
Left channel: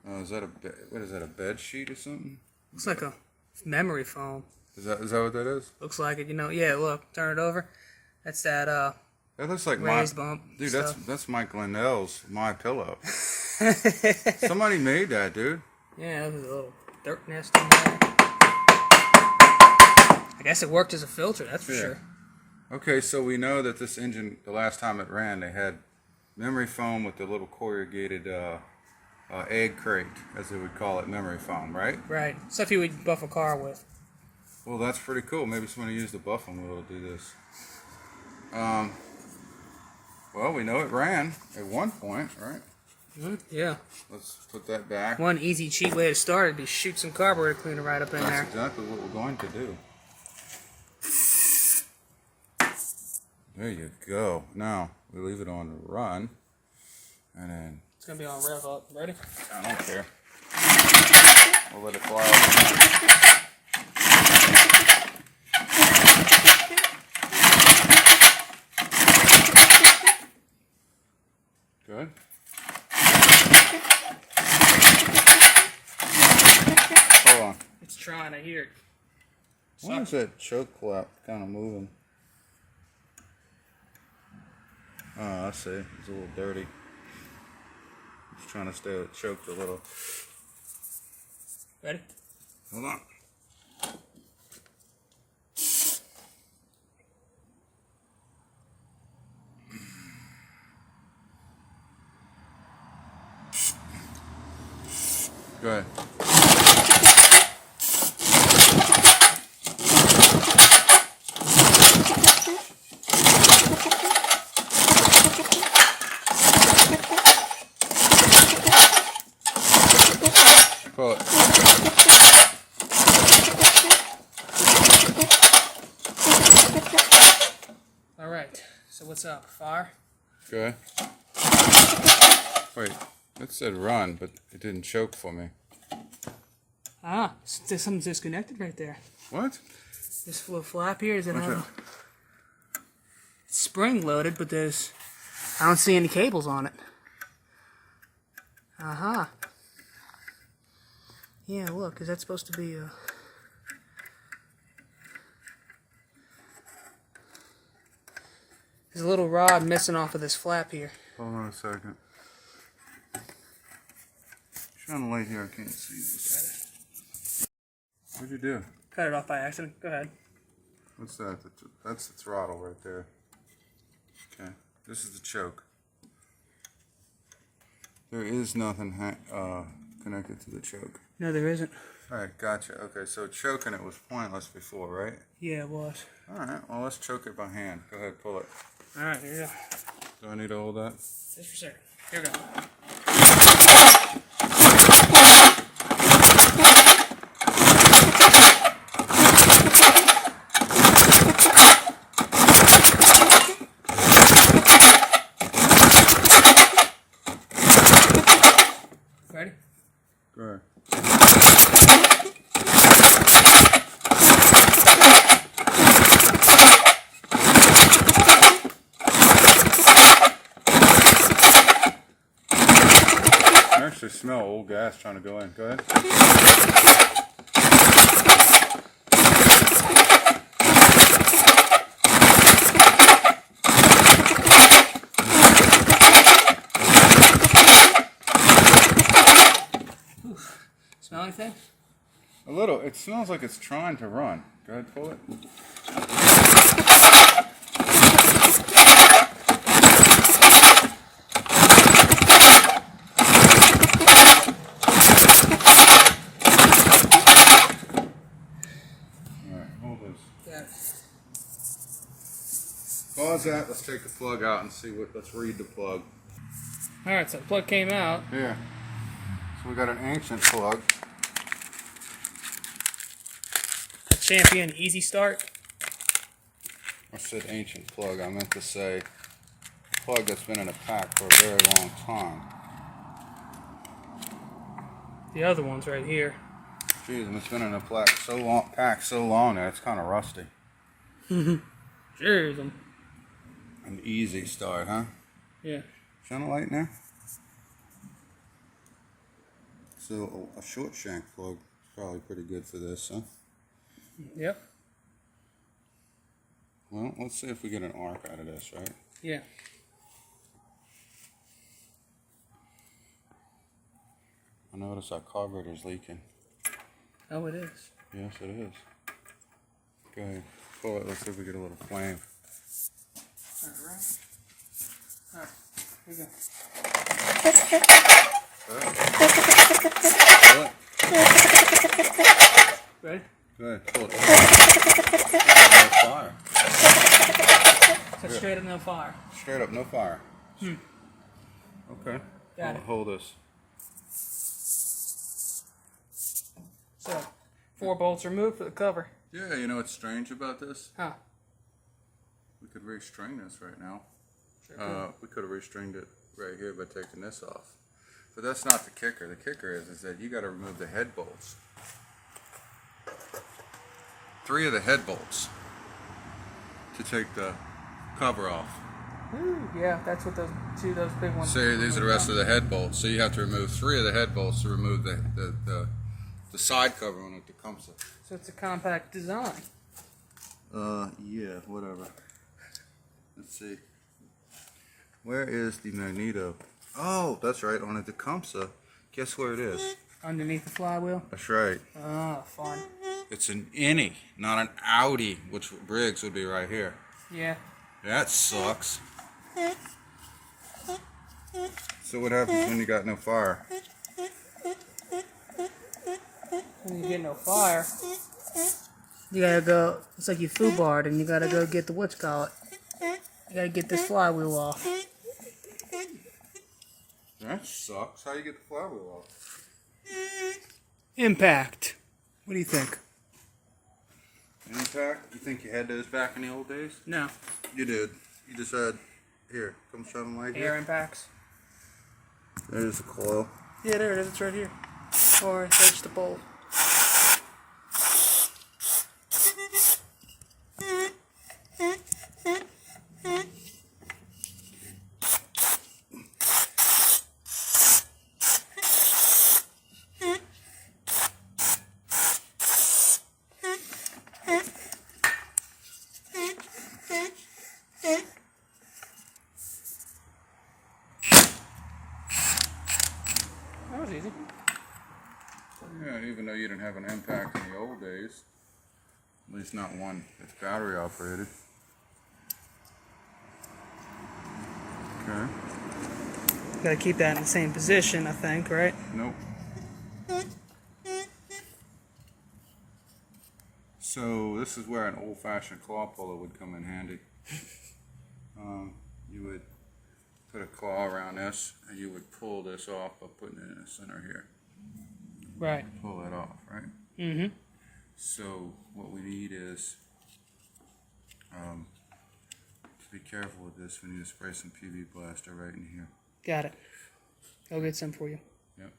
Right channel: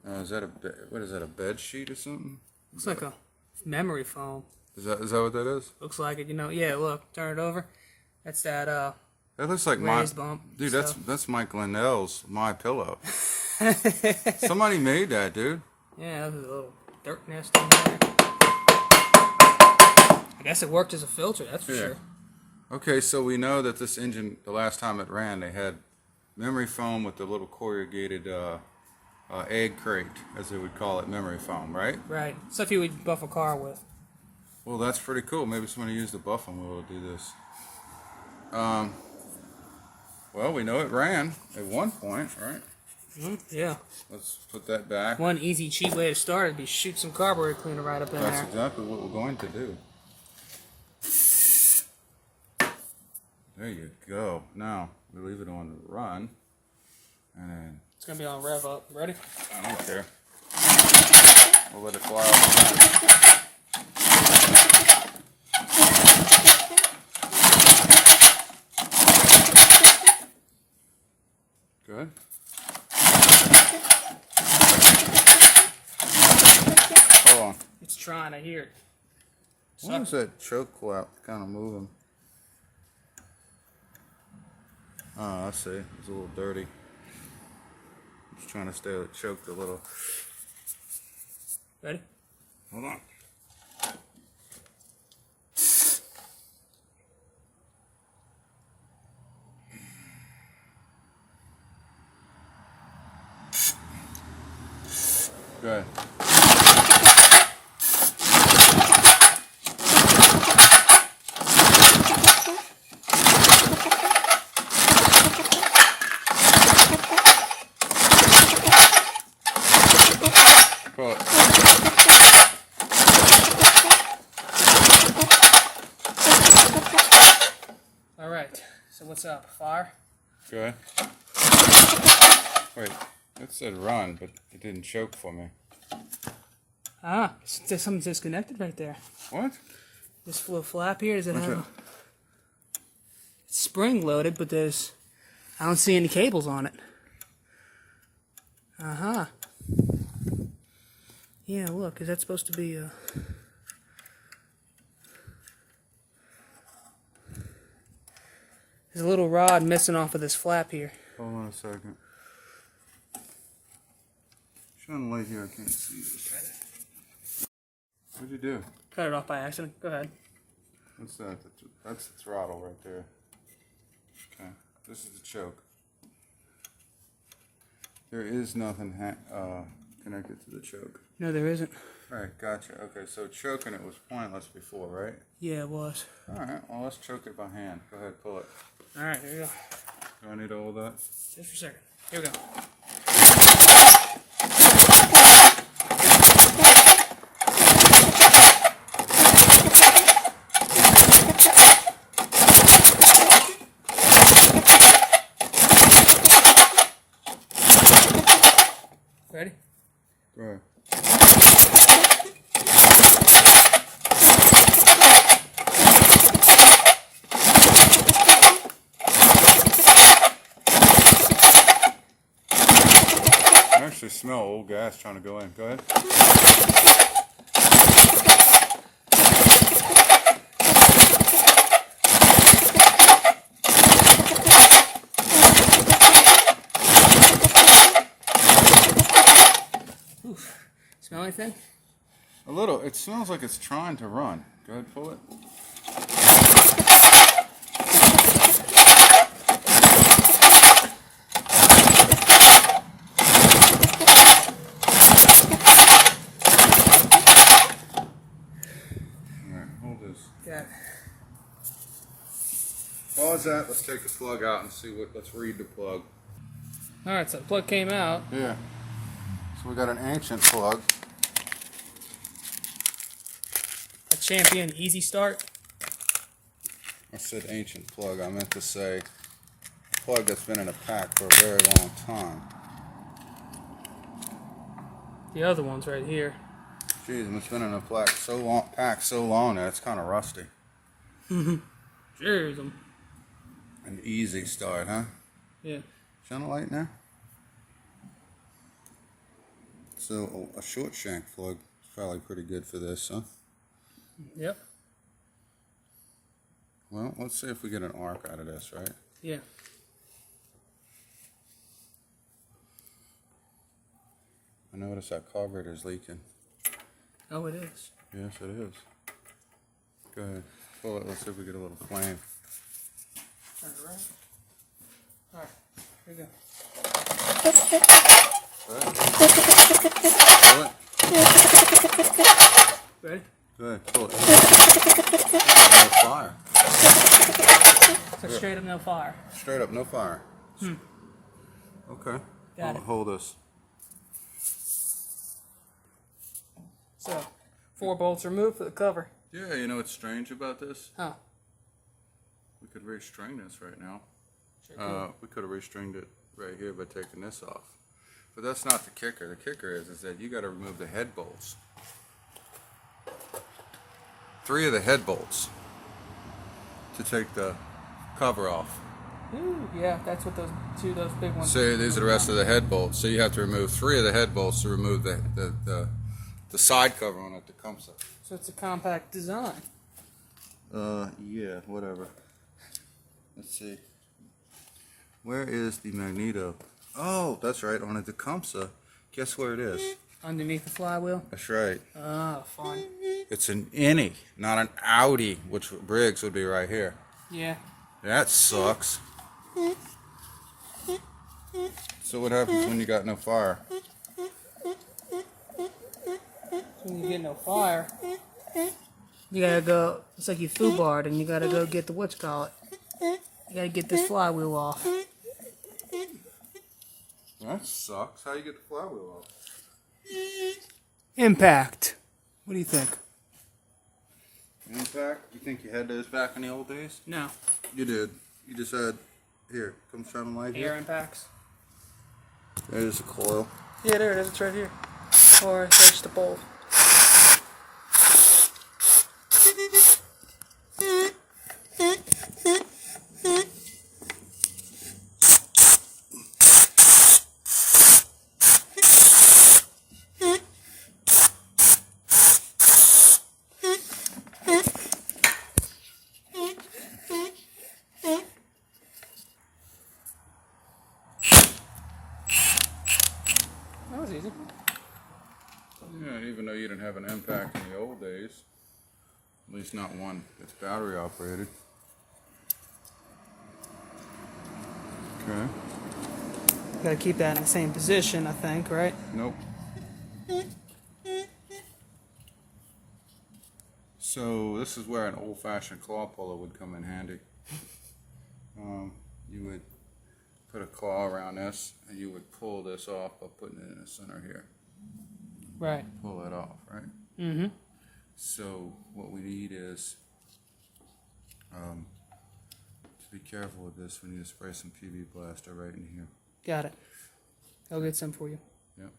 Is that what is that, a bed sheet or something? Looks like a memory foam. Is that what that is? Looks like it, you know. Yeah, look, turn it over. That's that That looks like raised bump. Dude, stuff. that's Mike Lindell's My Pillow. Somebody made that, dude. Yeah, there's a little dirt nest in there. I guess it worked as a filter, that's for sure. Okay, so we know that this engine, the last time it ran, they had memory foam with the little corrugated egg crate, as they would call it, memory foam, right? Right. Stuff you would buff a car with. Well, that's pretty cool. Maybe somebody used the buffing wheel to do this. Well, we know it ran at one point, right? Yeah. Let's put that back. One easy, cheap way to start would be shoot some carburetor cleaner right up in there. That's exactly what we're going to do. There you go. Now, we leave it on run. And then... It's going to be on rev up. Ready? I don't care. We'll let it fly off the gun. Good. Hold on. It's trying, I hear it. Why is that choke flap kind of moving? Oh, I see. It's a little dirty. Just trying to stay choked a little. Ready? Hold on. Go ahead. Pull it. All right. So what's up? Fire? Okay. Wait, that said run, but it didn't choke for me. Ah, something's disconnected right there. What? This little flap here, does it What's have that? it's spring loaded, but I don't see any cables on it. Uh-huh. Yeah, look, is that supposed to be a... There's a little rod missing off of this flap here. Hold on a second. Shine the light here, I can't see this. What'd you do? cut it off by accident. Go ahead. What's that? That's the throttle right there. Okay, this is the choke. There is nothing connected to the choke. No, there isn't. All right, gotcha. Okay, so choking it was pointless before, right? Yeah, it was. All right, well, let's choke it by hand. Go ahead, pull it. All right, here you go. Do I need to hold that? Just for a second. Here we go. Ready? Go ahead. I actually smell old gas trying to go in. Go ahead. Smell anything? A little. It smells like it's trying to run. Go ahead, pull it. Alright, hold this. Got it. Pause that. Let's take the plug out and see what. Let's read the plug. Alright, so the plug came out. Here. So we got an ancient plug. A Champion Easy Start. I said ancient plug. I meant to say a plug that's been in a pack for a very long time. The other one's right here. Jeez, it's been in a pack so long now it's kind of rusty. Cheers. An easy start, huh? Yeah. Shine a light in there. So a short shank plug is probably pretty good for this, huh? Yep. Well, let's see if we get an arc out of this, right? Yeah. I notice that carburetor's leaking. Oh, it is. Yes, it is. Go ahead. Pull it. Let's see if we get a little flame. Alright. Alright. Here we go. Pull it. Ready? Go ahead. Pull it. No fire. So straight up, no fire. Straight up, no fire. Okay. Got it. Hold this. So, 4 bolts removed for the cover. Yeah, you know what's strange about this? Huh. We could restring this right now. Sure We could have restringed it right here by taking this off. But that's not the kicker. The kicker is that you got to remove the head bolts. 3 of the head bolts to take the cover off. Ooh, yeah, that's what those big ones. See, these are the rest of the head bolts. So you have to remove 3 of the head bolts to remove the side cover on a Tecumseh. So it's a compact design. Yeah, whatever. Let's see. Where is the magneto? Oh, that's right, on a Tecumseh. Guess where it is? Underneath the flywheel? That's right. Ah, fun. It's an innie, not an Audi, which Briggs would be right here. Yeah. That sucks. So what happens when you got no fire? When you get no fire, you gotta go, it's like you foobarred and you gotta go get the whatchamacallit. You gotta get this flywheel off. That sucks. How do you get the flywheel off? Impact. What do you think? Impact? You think you had those back in the old days? No. You did. You just had, here, come show them like Air impacts. There's a coil. Yeah, there it is. It's right here. Or there's the bolt. That was easy. Yeah, even though you didn't have an impact in the old days. least not one that's battery operated. Okay. Gotta keep that in the same position, I think, right? Nope. So this is where an old-fashioned claw puller would come in handy. You would put a claw around this, and you would pull this off by putting it in the center here. Right. Pull it off, right? Mm-hmm. So what we need is, to be careful with this, we need to spray some PV Blaster right in here. Got it. I'll get some for you. Yep.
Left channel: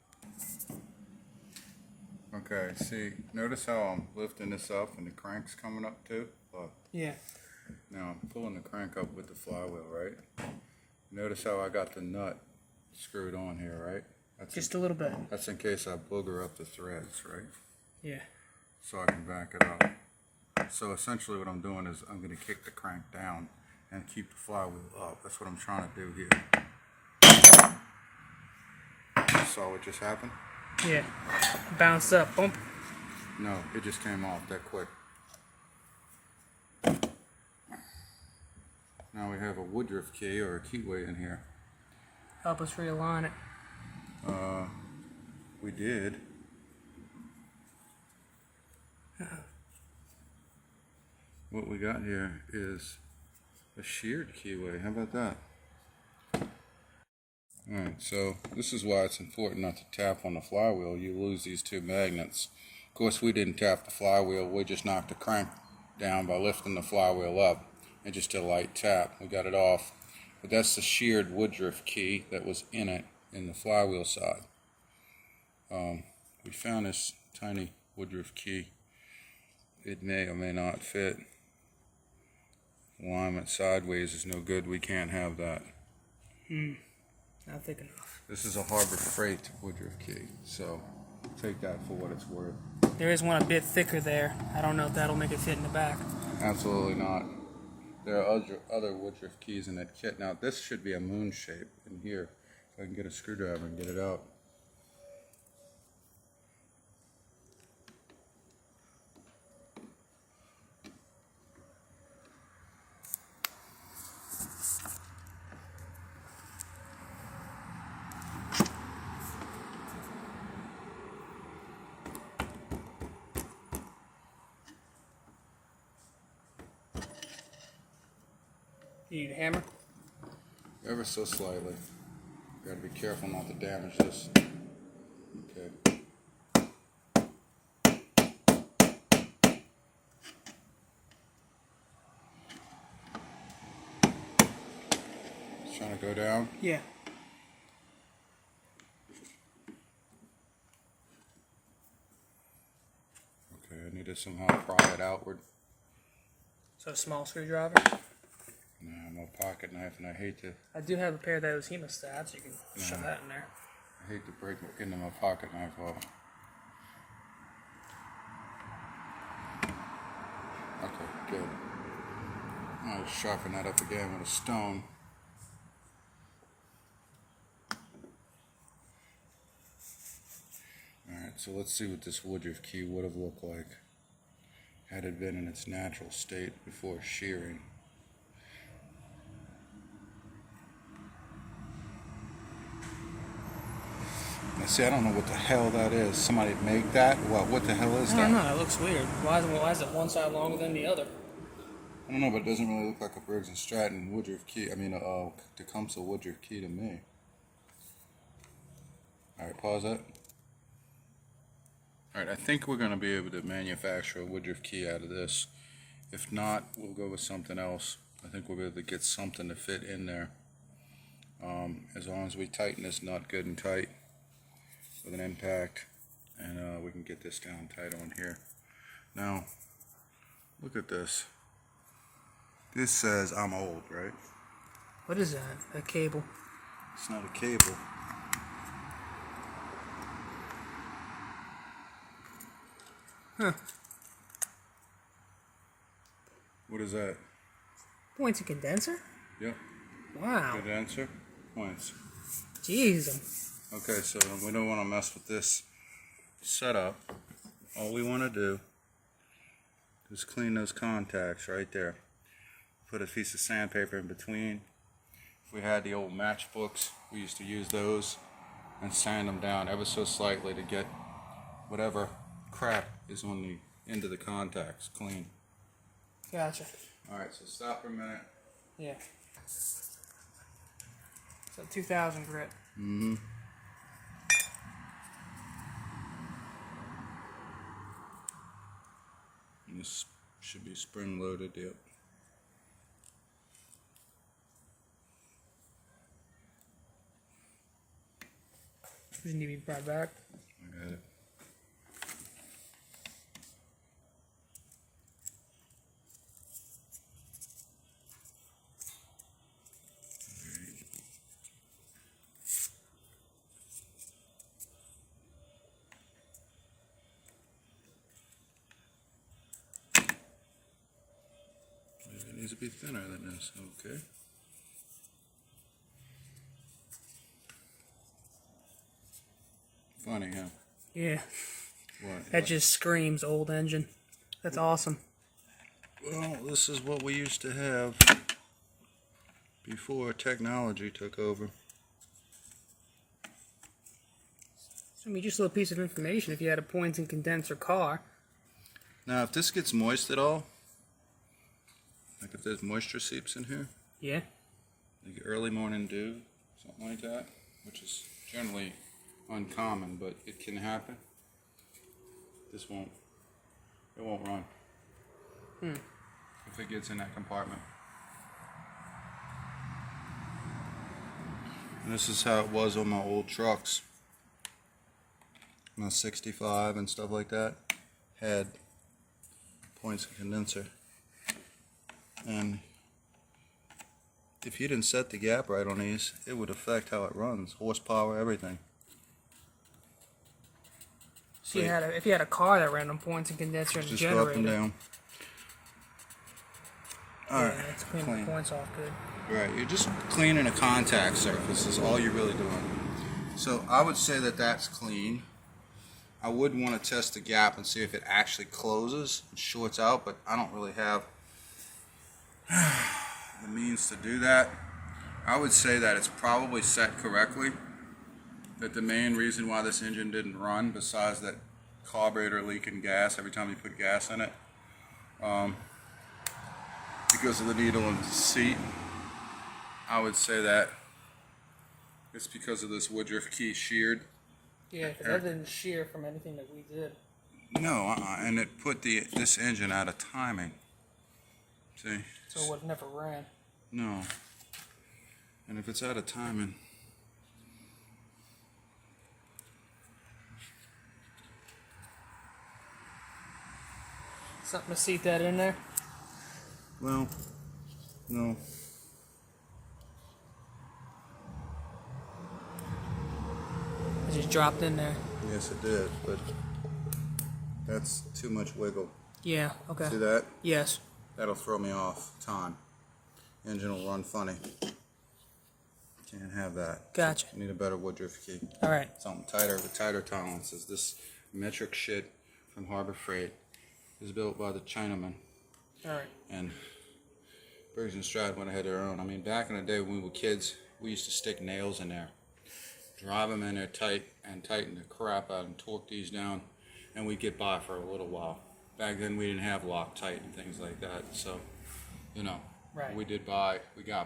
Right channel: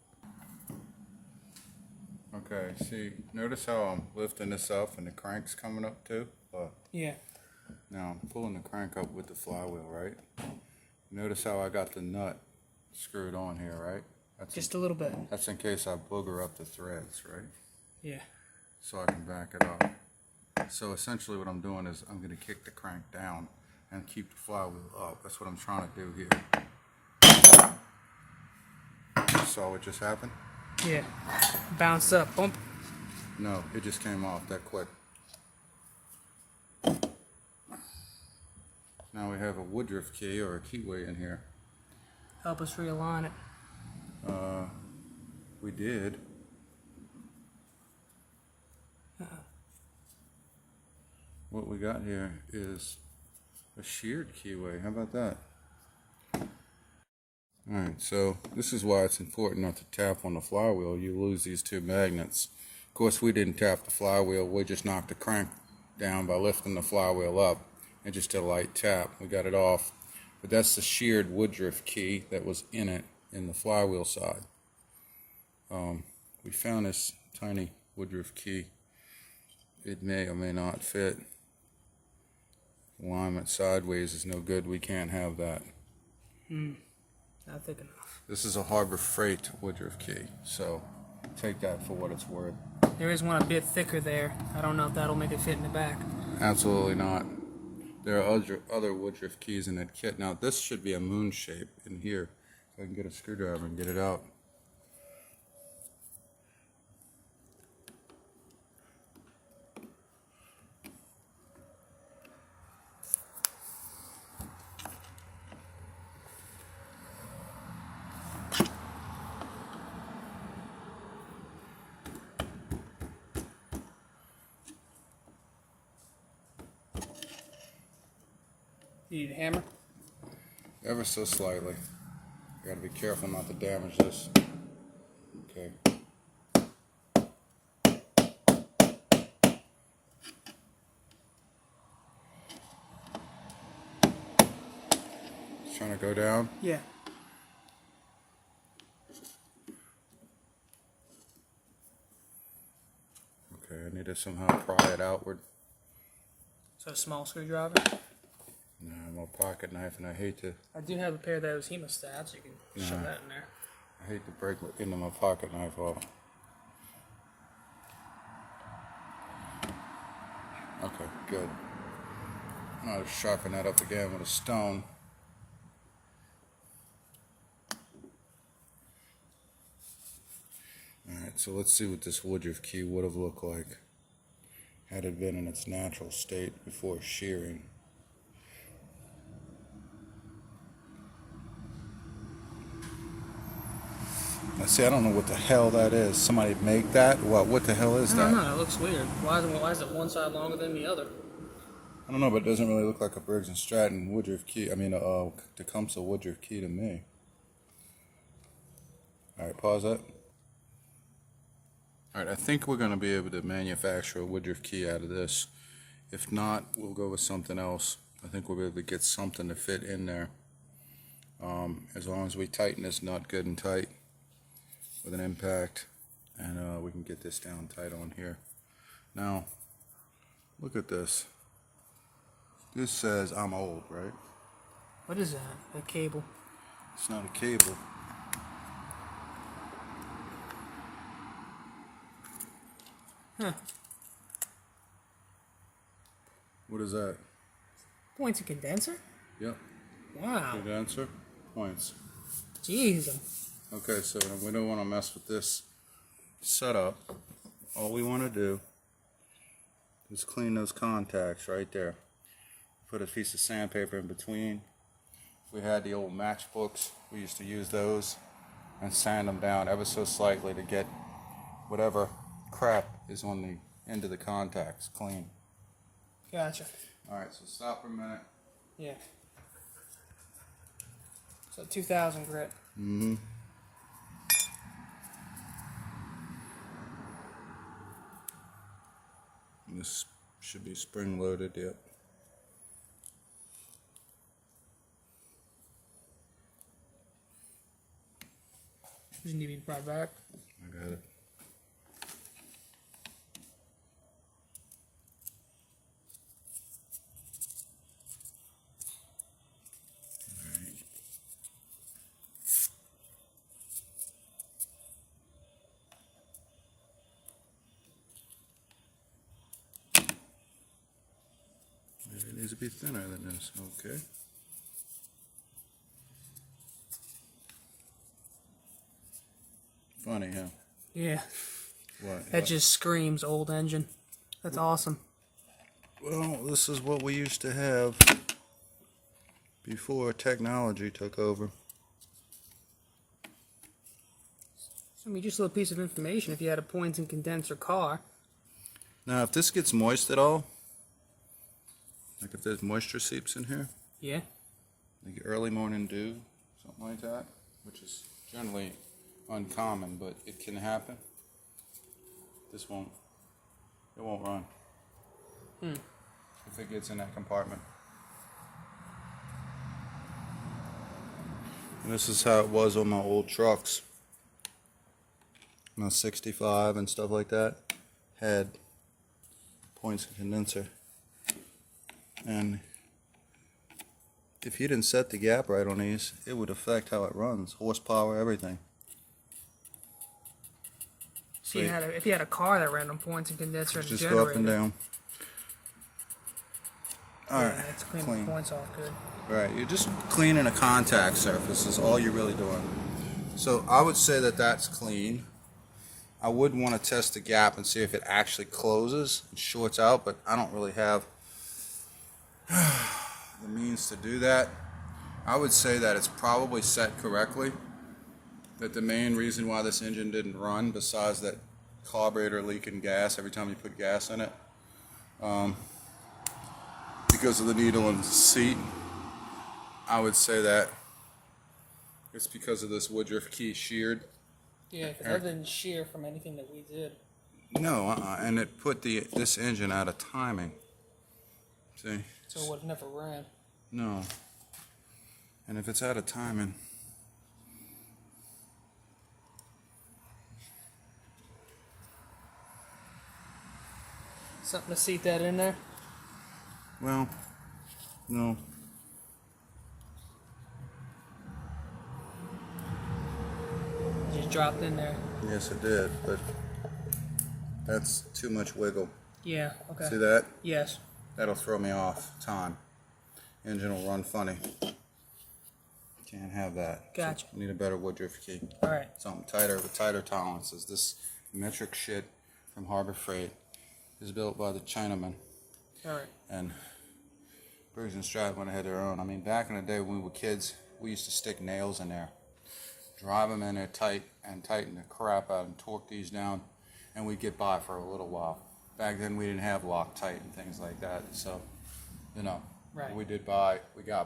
Okay, see, notice how I'm lifting this up and the crank's coming up too? Yeah. Now I'm pulling the crank up with the flywheel, right? Notice how I got the nut screwed on here, right? That's Just a little bit. That's in case I booger up the threads, right? Yeah. So I can back it up. So essentially what I'm doing is I'm going to kick the crank down and keep the flywheel up. That's what I'm trying to do here. Saw what just happened? Yeah. Bounced up. Bump. No, it just came off that quick. Now we have a Woodruff key or a keyway in here. Help us realign it. We did. What we got here is a sheared keyway. How about that? Alright, so this is why it's important not to tap on the flywheel. You lose these two magnets. Of course, we didn't tap the flywheel. We just knocked the crank down by lifting the flywheel up. And just a light tap. We got it off. But that's the sheared Woodruff key that was in it in the flywheel side. We found this tiny Woodruff key. It may or may not fit. Alignment sideways is no good. We can't have that. Not thick enough. This is a Harbor Freight Woodruff key, so take that for what it's worth. There is one a bit thicker there. I don't know if that'll make it fit in the back. Absolutely not. There are other Woodruff keys in that kit. Now this should be a moon shape in here. So I can get a screwdriver and get it out. You need a hammer? Ever so slightly. Gotta be careful not to damage this. Okay. It's trying to go down. Yeah. Okay, I need to somehow pry it outward. So a small screwdriver? No, my pocket knife, and I hate to. I do have a pair of those hemostats. You can shove that in there. I hate to break into my pocket knife off. Okay, good. I'll sharpen that up again with a stone. Alright, so let's see what this Woodruff key would have looked like had it been in its natural state before shearing. Now see, I don't know what the hell that is. Somebody make that? What the hell is that? I don't know. It looks weird. Why is it one side longer than the other? I don't know, but it doesn't really look like a Briggs & Stratton Woodruff key. I mean, a Tecumseh Woodruff key to me. Alright, pause that. Alright, I think we're going to be able to manufacture a Woodruff key out of this. If not, we'll go with something else. I think we'll be able to get something to fit in there. As long as we tighten this nut good and tight with an impact, and we can get this down tight on here. Now, look at this. This says I'm old, right? What is that? A cable. It's not a cable. Huh. What is that? Points and condenser? Yep. Wow. Good answer. Points. Jeez. Okay, so we don't want to mess with this setup. All we want to do Just clean those contacts right there. Put a piece of sandpaper in between. If we had the old matchbooks, we used to use those and sand them down ever so slightly to get whatever crap is on the end of the contacts clean. Gotcha. Alright, so stop for a minute. Yeah. So 2000 grit. Mm-hmm. This should be spring loaded, yep. Does it need to be brought back? I got it. It needs to be thinner than this, okay. Funny, huh? Yeah. What? That just screams old engine. That's awesome. Well, this is what we used to have before technology took over. So, I mean, just a little piece of information. If you had a points and condenser car. Now, if this gets moist at all, like if there's moisture seeps in here, Yeah. you get early morning dew, something like that, which is generally uncommon, but it can happen. It won't run. If it gets in that compartment. And this is how it was on my old trucks. My 65 and stuff like that had points and condenser. And if you didn't set the gap right on these, it would affect how it runs, horsepower, everything. So if you had a car that ran on points and condenser and Just generator. go up and down. Alright, Yeah, it's clean the points off good. Right, you're just cleaning a contact surface is all you're really doing. So I would say that that's clean. I would want to test the gap and see if it actually closes and shorts out, but I don't really have the means to do that. I would say that it's probably set correctly. That the main reason why this engine didn't run, besides that carburetor leaking gas every time you put gas in it, because of the needle and seat, I would say that it's because of this woodruff key sheared. Yeah, because that didn't shear from anything that we did. No, and it put this engine out of timing. See? So it would have never ran. No. And if it's out of timing, Something to seat that in there. well, no. It just dropped in there. Yes, it did, but that's too much wiggle. Yeah, okay. See that? Yes. That'll throw me off time. Engine will run funny. Can't have that. Gotcha. You need a better woodruff key. Alright. Something tighter, with tighter tolerances. This metric shit from Harbor Freight is built by the Chinaman. Alright. And Briggs and Stroud went ahead of their own. I mean, back in the day when we were kids, we used to stick nails in there, drive them in there tight, and tighten the crap out and torque these down, and we'd get by for a little while. Back then we didn't have Loctite and things like that, so, you know, Right. we got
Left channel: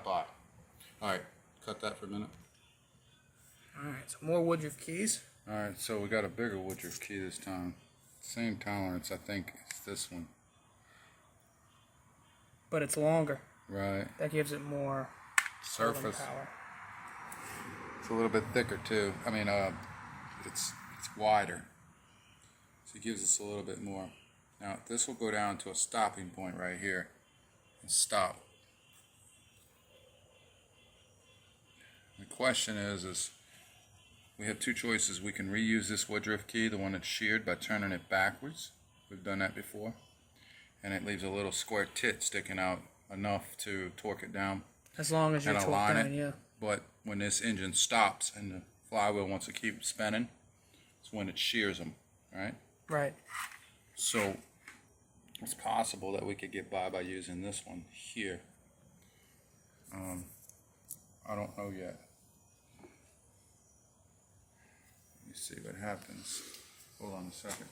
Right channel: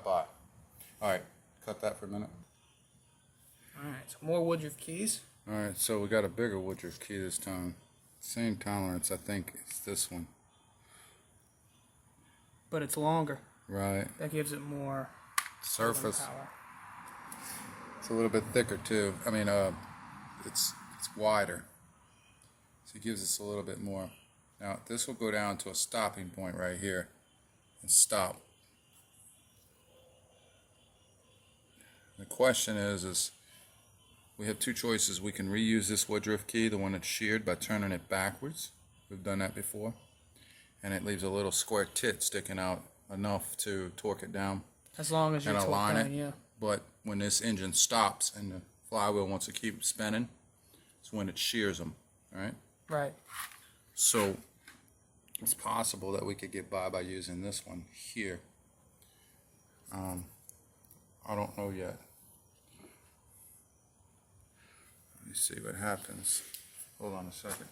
by. Alright, cut that for a minute. Alright, so more woodruff keys. Alright, so we got a bigger woodruff key this time. Same tolerance, I think it's this one. But it's longer. Right. That gives it more Surface. power. It's a little bit thicker too. I mean, it's wider. So it gives us a little bit more. Now this will go down to a stopping point right here and stop. The question is we have two choices. We can reuse this woodruff key, the one that's sheared, by turning it backwards. We've done that before. And it leaves a little square tit sticking out enough to torque it down As long as you're and torqued align down, it. yeah. But when this engine stops and the flywheel wants to keep spinning, it's when it shears them, right? Right. So it's possible that we could get by using this one here. I don't know yet. Let me see what happens. Hold on a second.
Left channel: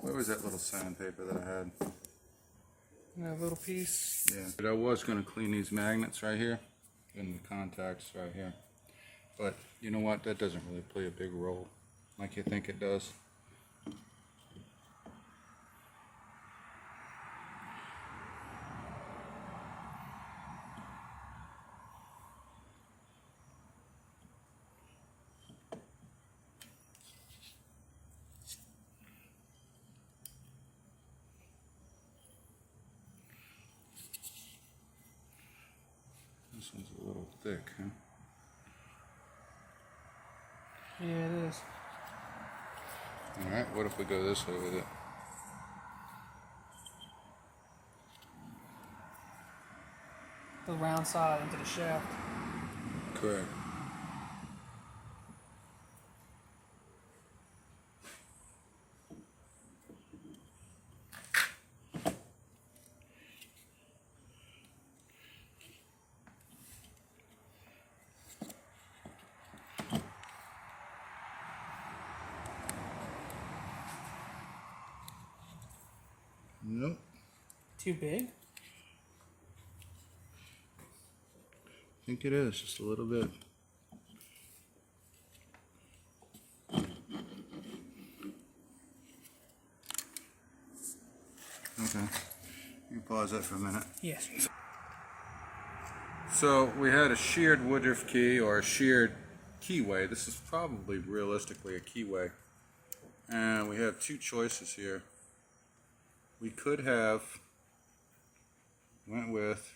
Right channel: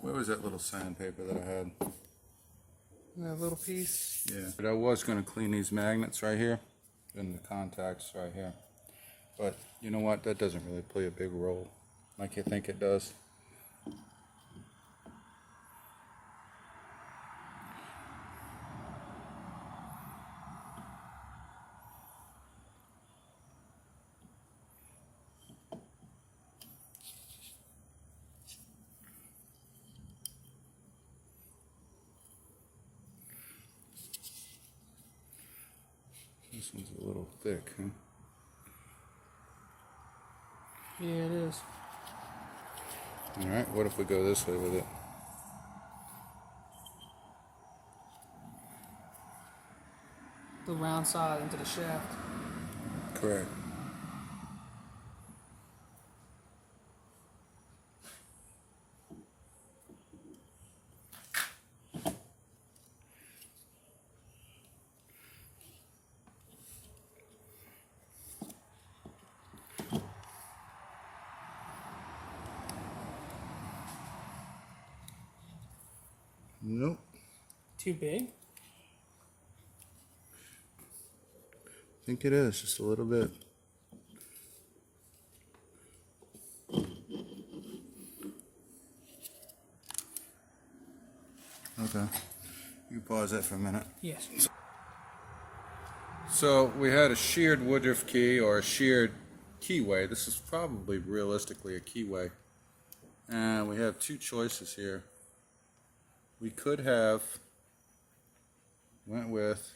Where was that little sandpaper that I had? That little piece. Yeah. I was going to clean these magnets right here and the contacts right here. But you know what? That doesn't really play a big role like you think it does. This one's a little thick, huh? Yeah, it is. Alright, what if we go this way with it? The round side into the shaft. Correct. Nope. Too big? I think it is, just a little bit. Okay. You pause that for a minute. Yes. So we had a sheared Woodruff key or a sheared keyway. This is probably realistically a keyway. And we have two choices here. We could have went with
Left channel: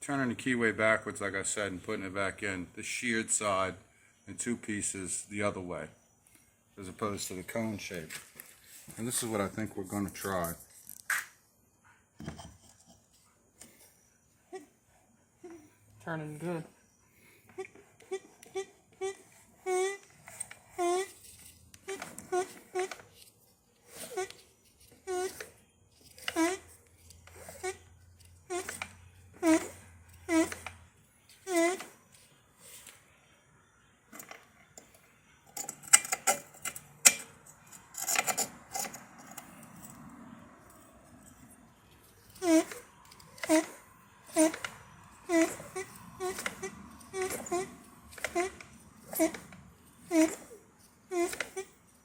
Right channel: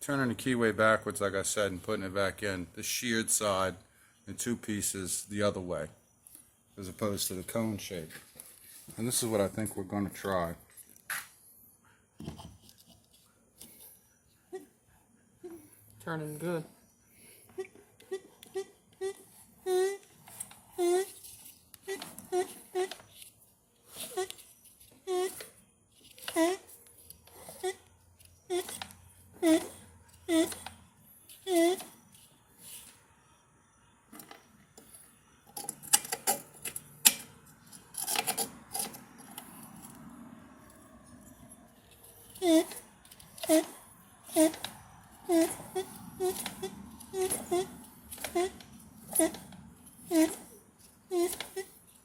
turning the keyway backwards, like I said, and putting it back in the sheared side in two pieces the other way, as opposed to the cone shape. And this is what I think we're going to try. Turning good.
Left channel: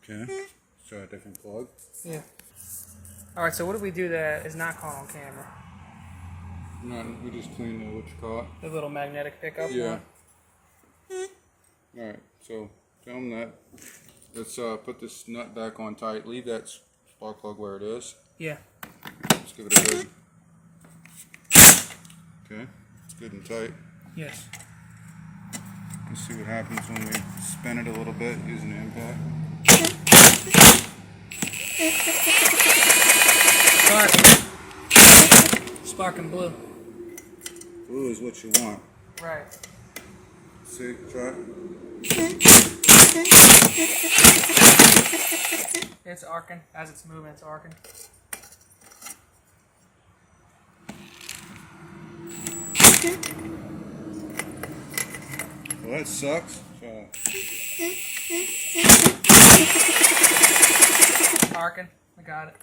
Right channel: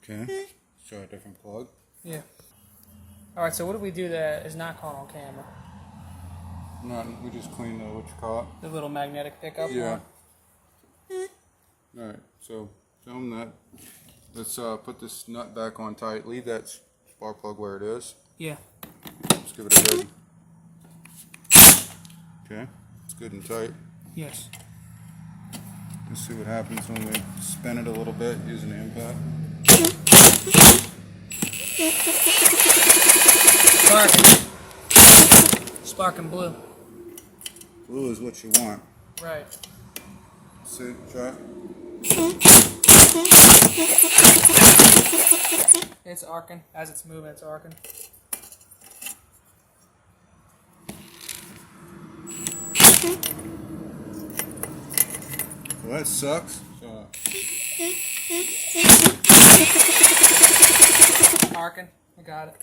Okay, try a different plug. Yeah. Alright, so what do we do that is not caught on camera? No, we just clean the what you call it. The little magnetic pickup Yeah. one? Alright, so film that. Let's put this nut back on tight. Leave that spark plug where it is. Yeah. Let's give it a good. Okay, it's good and tight. Yes. Let's see what happens when we spin it a little bit using the impact. Sparking blue. Blue is what you want. Right. See, try it. It's arcing. As it's moving, it's arcing. Well, that sucks. Arcing. We got it.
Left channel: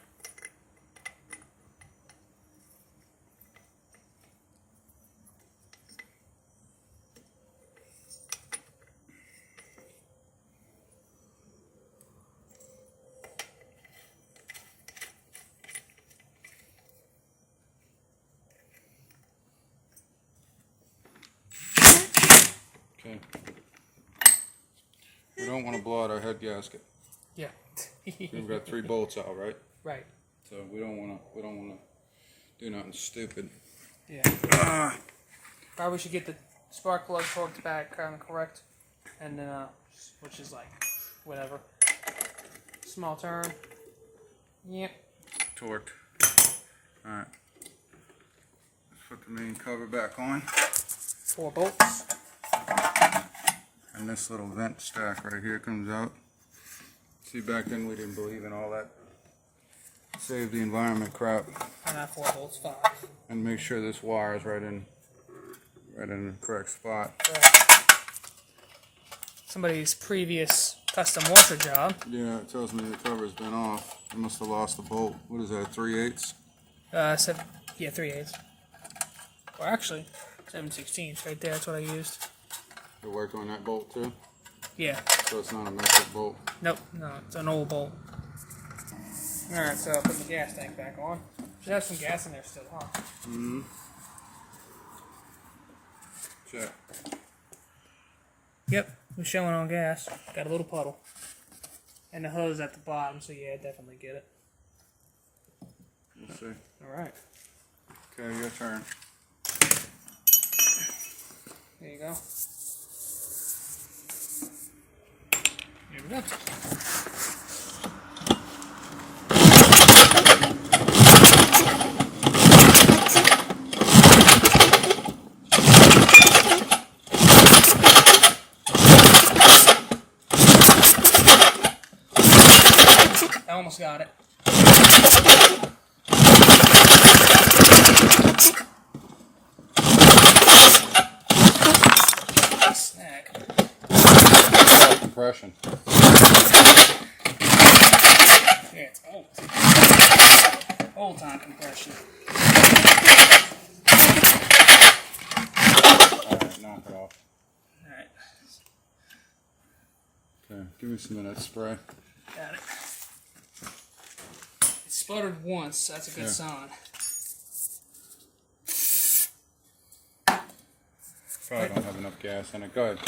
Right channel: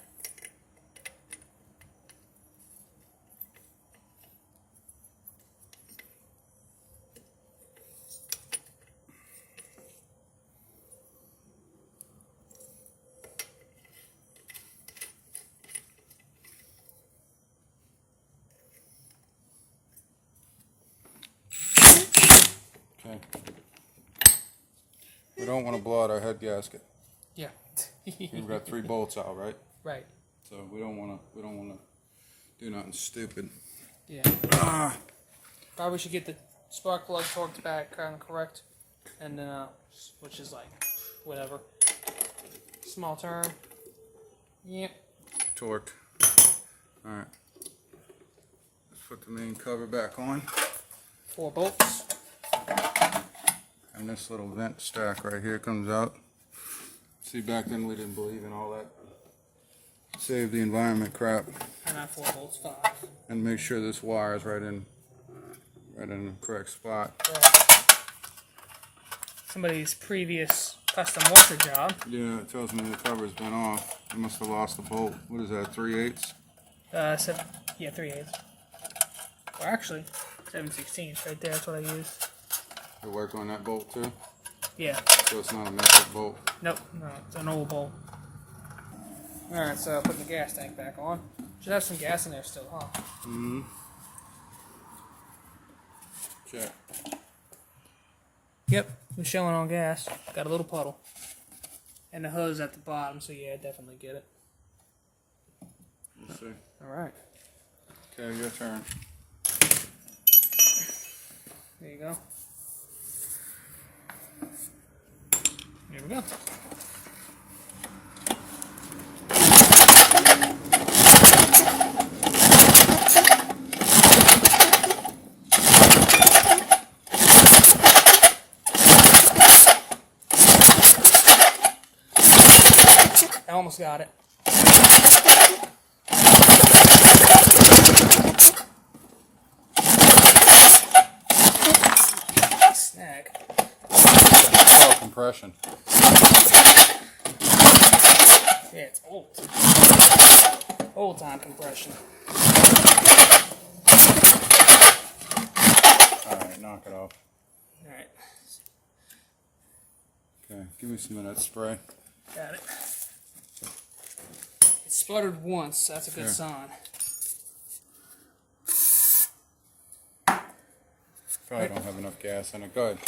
Okay. We don't want to blow out our head gasket. Yeah. We've got 3 bolts out, right? Right. So we don't want to do nothing stupid. Yeah. Probably should get the spark plug torqued back kind of correct, and then which is like whatever. Small turn. Yep. Torqued. All right. Let's put the main cover back on. 4 bolts. And And this little vent stack right here comes out. See, back then we didn't believe in all that save the environment crap. And that 4 volts 5. And make sure this wire is right in the correct spot. Right. Somebody's previous custom washer job. Yeah, it tells me the cover's been off. I must have lost a bolt. What is that, 3/8? Yeah, 3/8. Well, actually, 7/16 right there. That's what I used. It worked on that bolt too? Yeah. So it's not a metric bolt? Nope, no, it's an old bolt. Alright, so I'll put the gas tank back on. Should have some gas in there still, huh? Mm-hmm. Check. Yep, we're showing on gas. Got a little puddle. And the hose at the bottom, so yeah, definitely get it. We'll see. Alright. Okay, your turn. There you go. Here we go. I almost got it. Snag. Oh, compression. Yeah, it's old. Old time compression. Alright, knock it off. Alright. Okay, give me some of that spray. Got it. It sputtered once, that's a good sign. Probably don't have enough gas in it. Go ahead.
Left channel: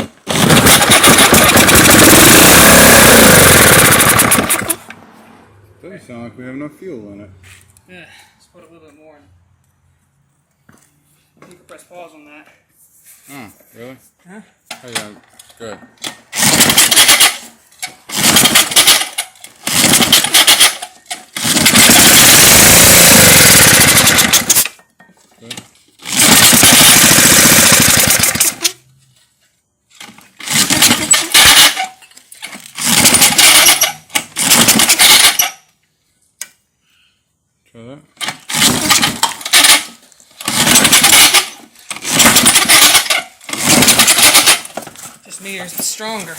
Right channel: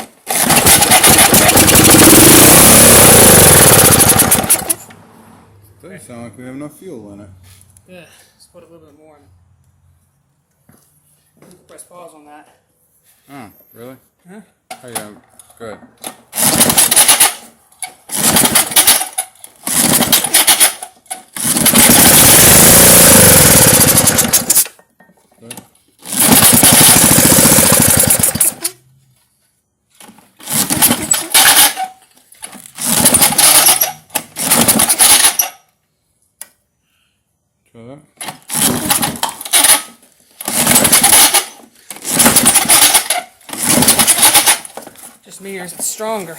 Doesn't sound like we have enough fuel in it. Yeah, let's put a little bit more in. You can press pause on that. Oh, really? Huh? Oh yeah, good. Good. Try that. Just me, or is it stronger?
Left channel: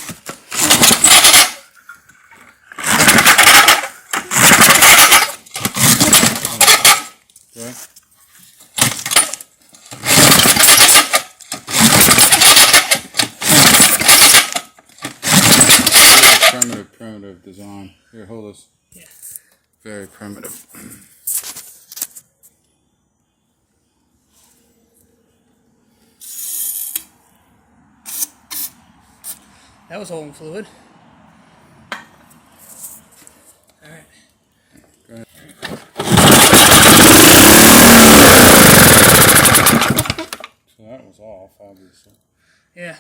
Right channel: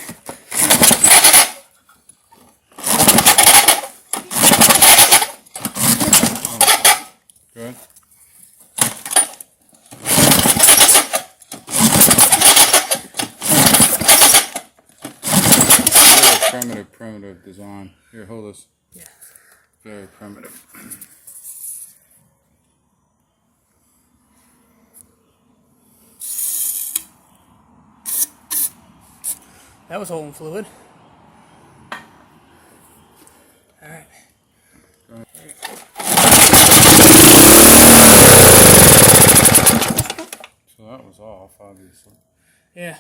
Good. Primitive design. Here, hold this. Yeah. Very primitive. That was holding fluid. Alright. So that was off, obviously. Yeah.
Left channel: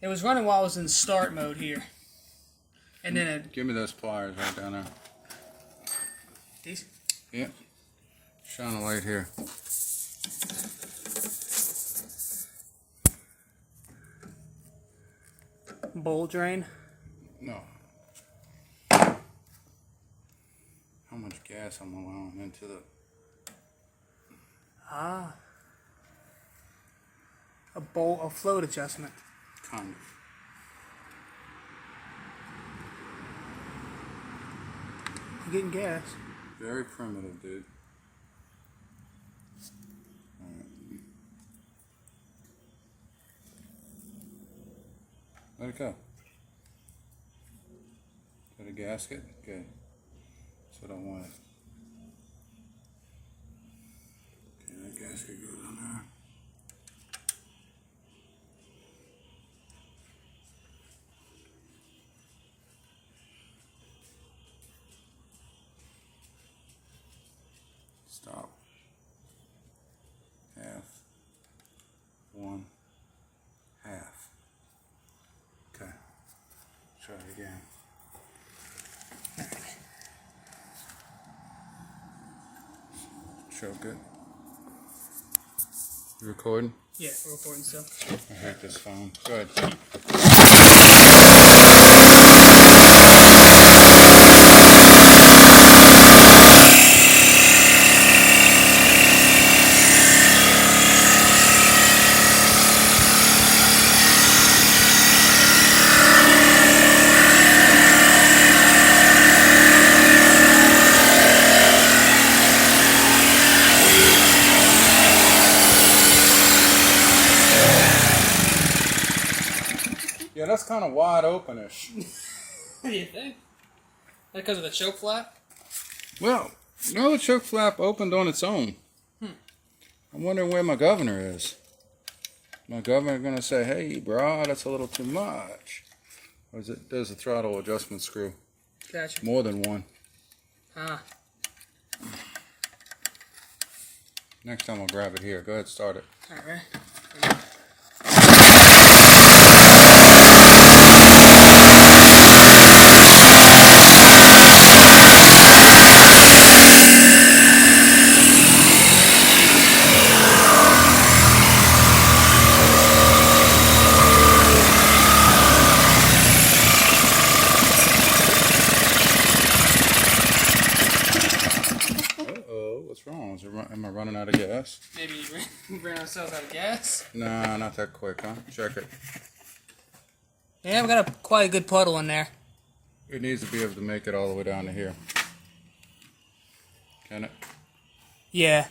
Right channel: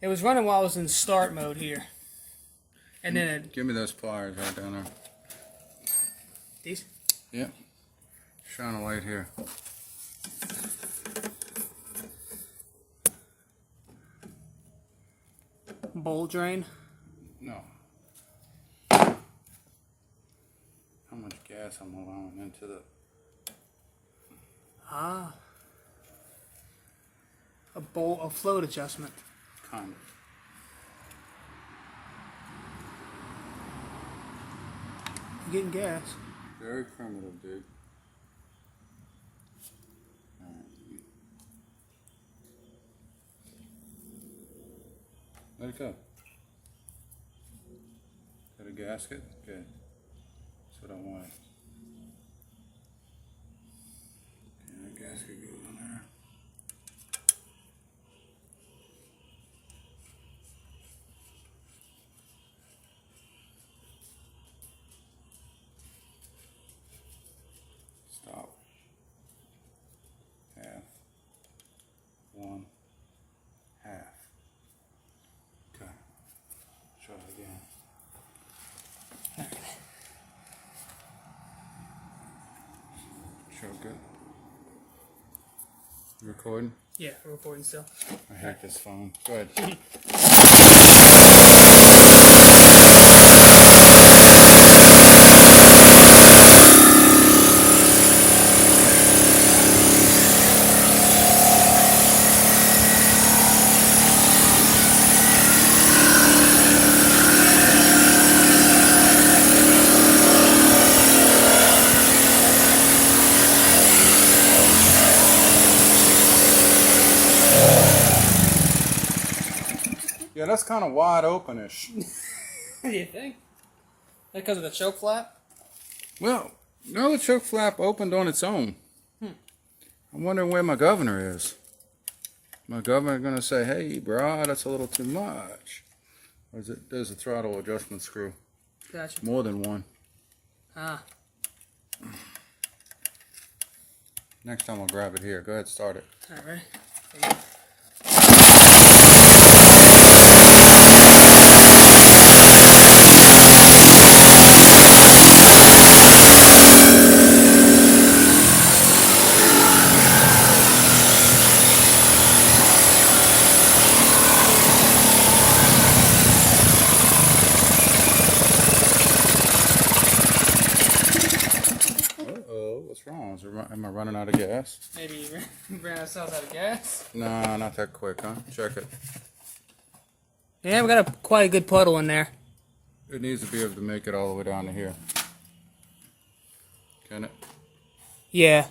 It was running while I was in start mode here. And then it... Give me those pliers right down there. These? Yep. Shine a light here. Bowl drain. No. How much gas I'm allowing into the... Ah. A float adjustment. Kind of. You're getting gas. Very primitive, dude. Alright. Let it go. Is that a gasket? Good. That's what I wanted. Okay, that gasket goes in there. Stop. Half. 1. Half. Okay. Try it again. Show good. You recording? Yeah, we're recording still. I hate this phone. Go ahead. that's kind of wide openish. What do you think? Because of the choke flap? Well, no, the choke flap opened on its own. I'm wondering where my governor is. My governor going to say, hey, bro, that's a little too much. Or is it, there's a throttle adjustment screw. Gotcha. More than one. Ah. Next time I'll grab it here. Go ahead, start it. All right. What's wrong? Am I running out of gas? Maybe we ran ourselves out of gas. Nah, not that quick, huh? Check it. Yeah, we got quite a good puddle in there. It needs to be able to make it all the way down to here. Can it? Yeah.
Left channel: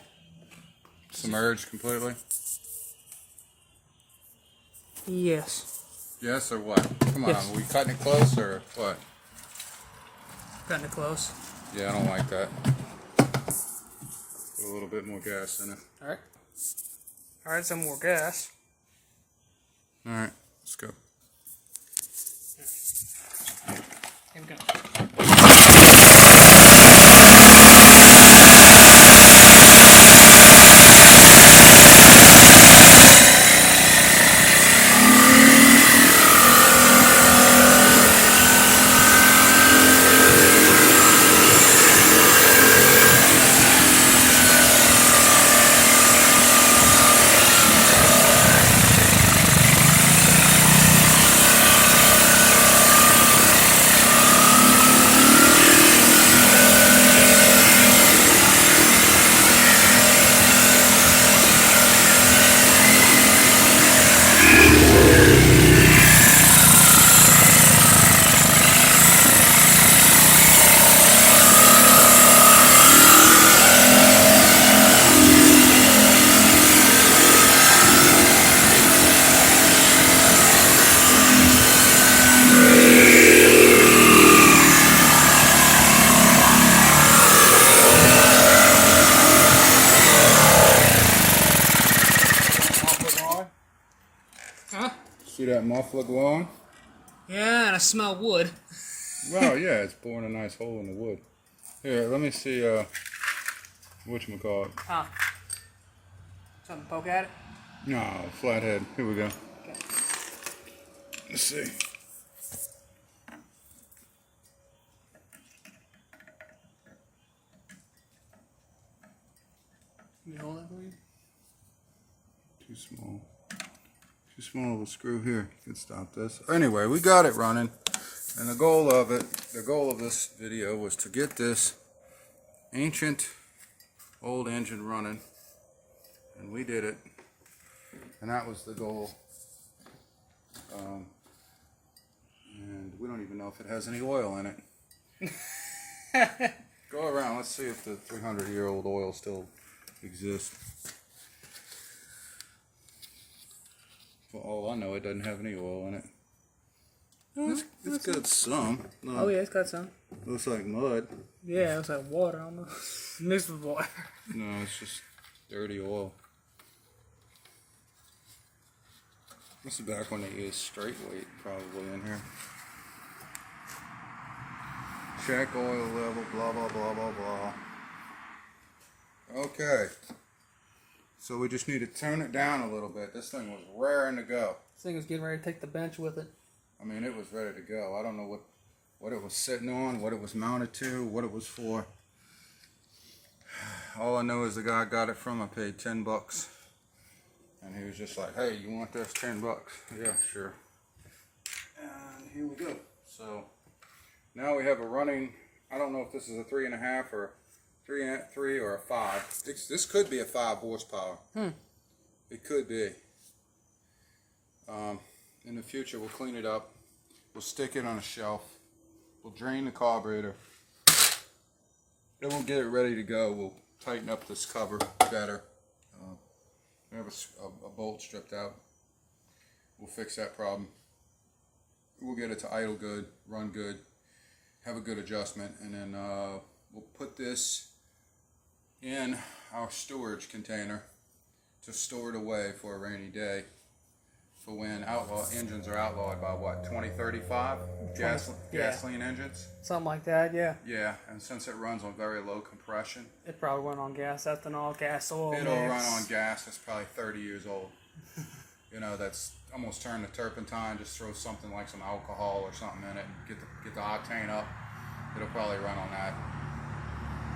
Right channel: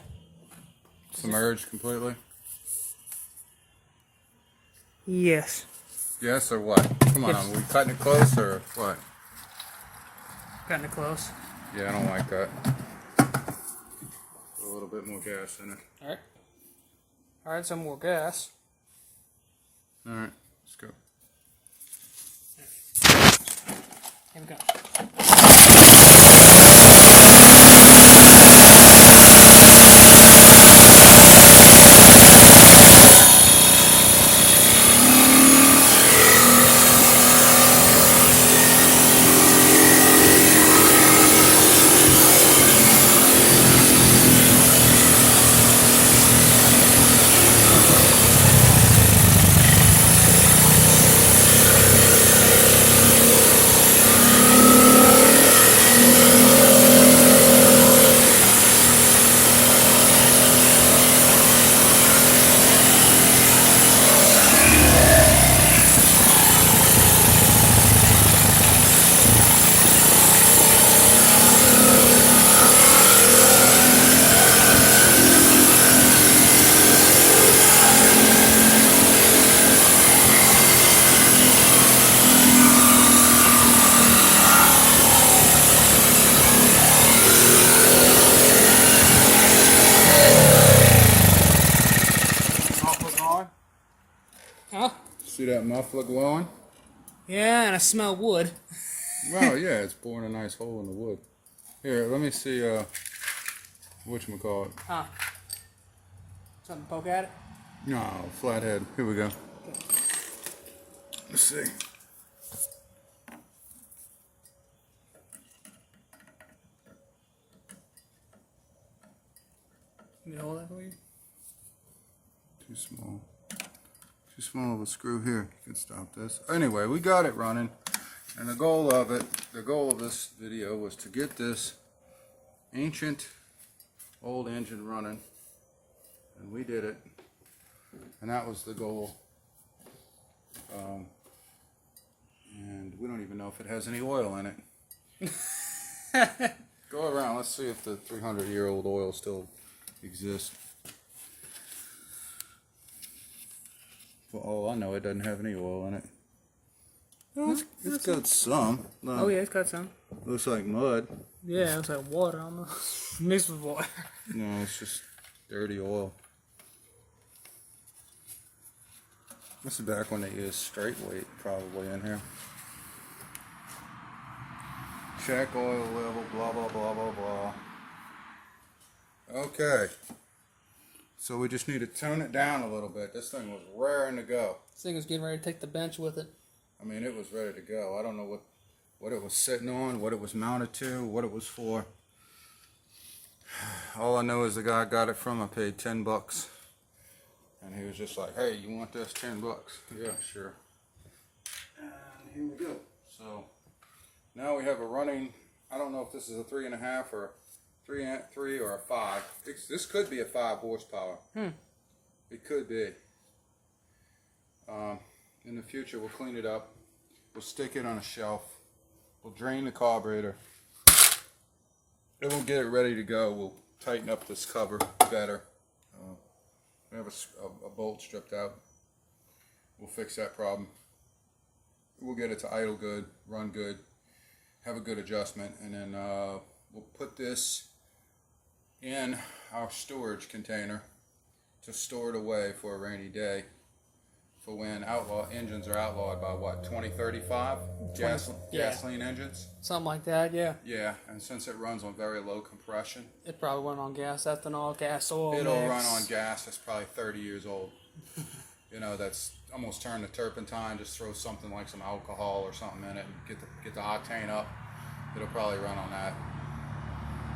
Submerged completely? Yes. Yes or what? Come on, Yes. are we cutting it close or what? Cutting it close. Yeah, I don't like that. Put a little bit more gas in it. All right. All right, some more gas. All right, let's go. Here we go. Huh? See that muffler glowing? Yeah, and I smell wood. Well, yeah, it's boring a nice hole in the wood. Here, let me see, whatchamacallit. Huh? Something to poke at it? No, flathead. Here we go. Okay. Let's see. You hold that for you? Too small. Too small of a screw here. Could stop this. Anyway, we got it running. And the goal of this video was to get this ancient old engine running. And we did it. And that was the goal. And we don't even know if it has any oil in it. Go around. Let's see if the 300-year-old oil still exists. For all I know, it doesn't have any oil in it. It's got some. No, Oh, yeah, it's got some. looks like mud. Yeah, it was like water almost. Mixed with water. No, it's just dirty oil. This is back when they used straight weight probably in here. Check oil level, blah, blah, blah, blah, blah. Okay. So we just need to tone it down a little bit. This thing was raring to go. This thing was getting ready to take the bench with it. I mean, it was ready to go. I don't know what it was sitting on, what it was mounted to, what it was for. All I know is the guy I got it from, I paid $10. And he was just like, hey, you want this? $10? Yeah, sure. And here we go. So now we have a running, I don't know if this is a 3.5 or 3 or a 5. This could be a 5 horsepower. It could be. In the future, we'll clean it up. We'll stick it on a shelf. We'll drain the carburetor. Then we'll get it ready to go. We'll tighten up this cover better. We have a bolt stripped out. We'll fix that problem. we'll get it to idle good, run good, have a good adjustment, and then we'll put this in our storage container to store it away for a rainy day, for when engines are outlawed by what, 2035? Gasoline engines? Something like that, yeah. Yeah, and since it runs on very low compression, It probably went on gas, ethanol, gas, oil it'll mix. run on gas that's probably 30 years old. You know, that's almost turned to turpentine. Just throw something like some alcohol or something in it and get the octane up. It'll probably run on that.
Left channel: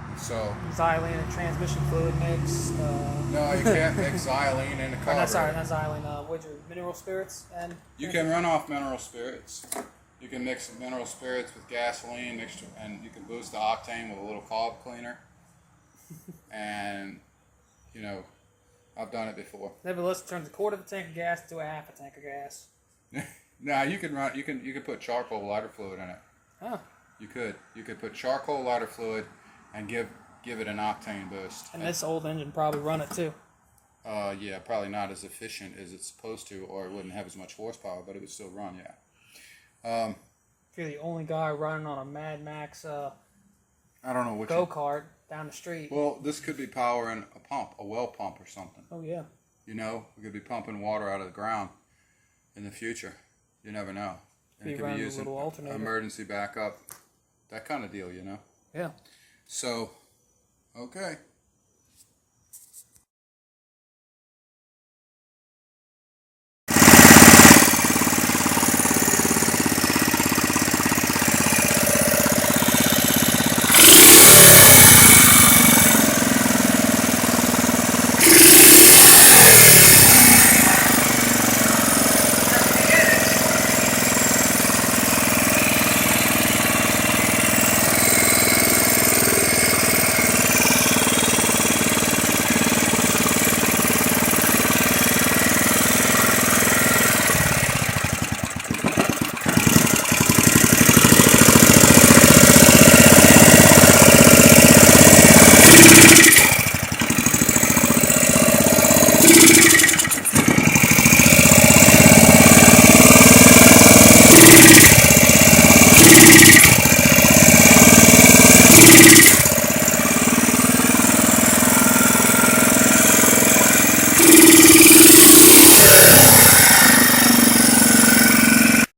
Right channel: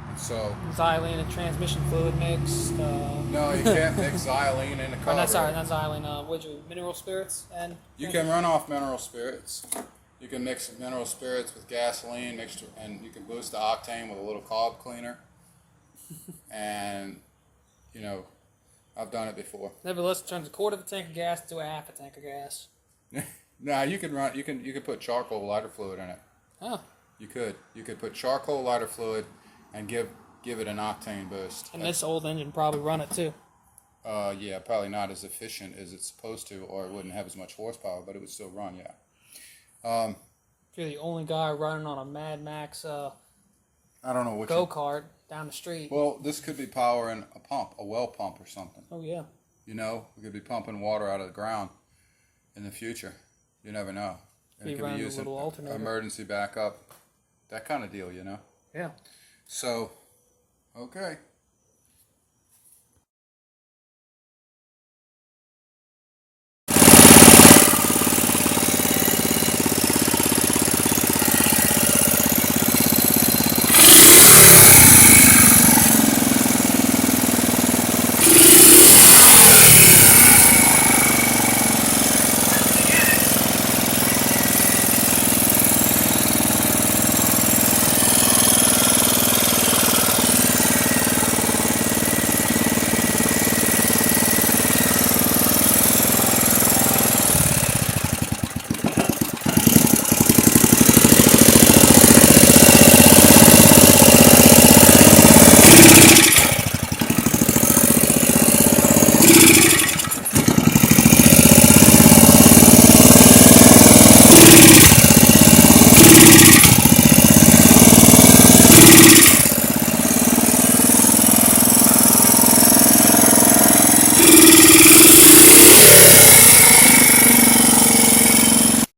And so Xylene and transmission fluid mix. no, you can't mix xylene in the Or carburetor. not, sorry, not xylene. What'd you, mineral spirits and. You can run off mineral spirits. You can mix mineral spirits with gasoline mixture, and you can boost the octane with a little carb cleaner. And you know, I've done it before. Nevertheless, it turns a quarter of a tank of gas to a half a tank of gas. Now you can put charcoal lighter fluid in it. Huh. You could put charcoal lighter fluid and give it an octane boost. And this old engine probably run it too. Yeah, probably not as efficient as it's supposed to, or it wouldn't have as much horsepower, but it would still run. Yeah. If you're the only guy running on a Mad Max I don't know what go-kart down the street. Well, this could be powering a pump, a well pump or something. Oh yeah. You know, we could be pumping water out of the ground in the future. You never know. And Be it could running be a using little alternator. emergency backup, that kind of deal. You know. Yeah. So, okay.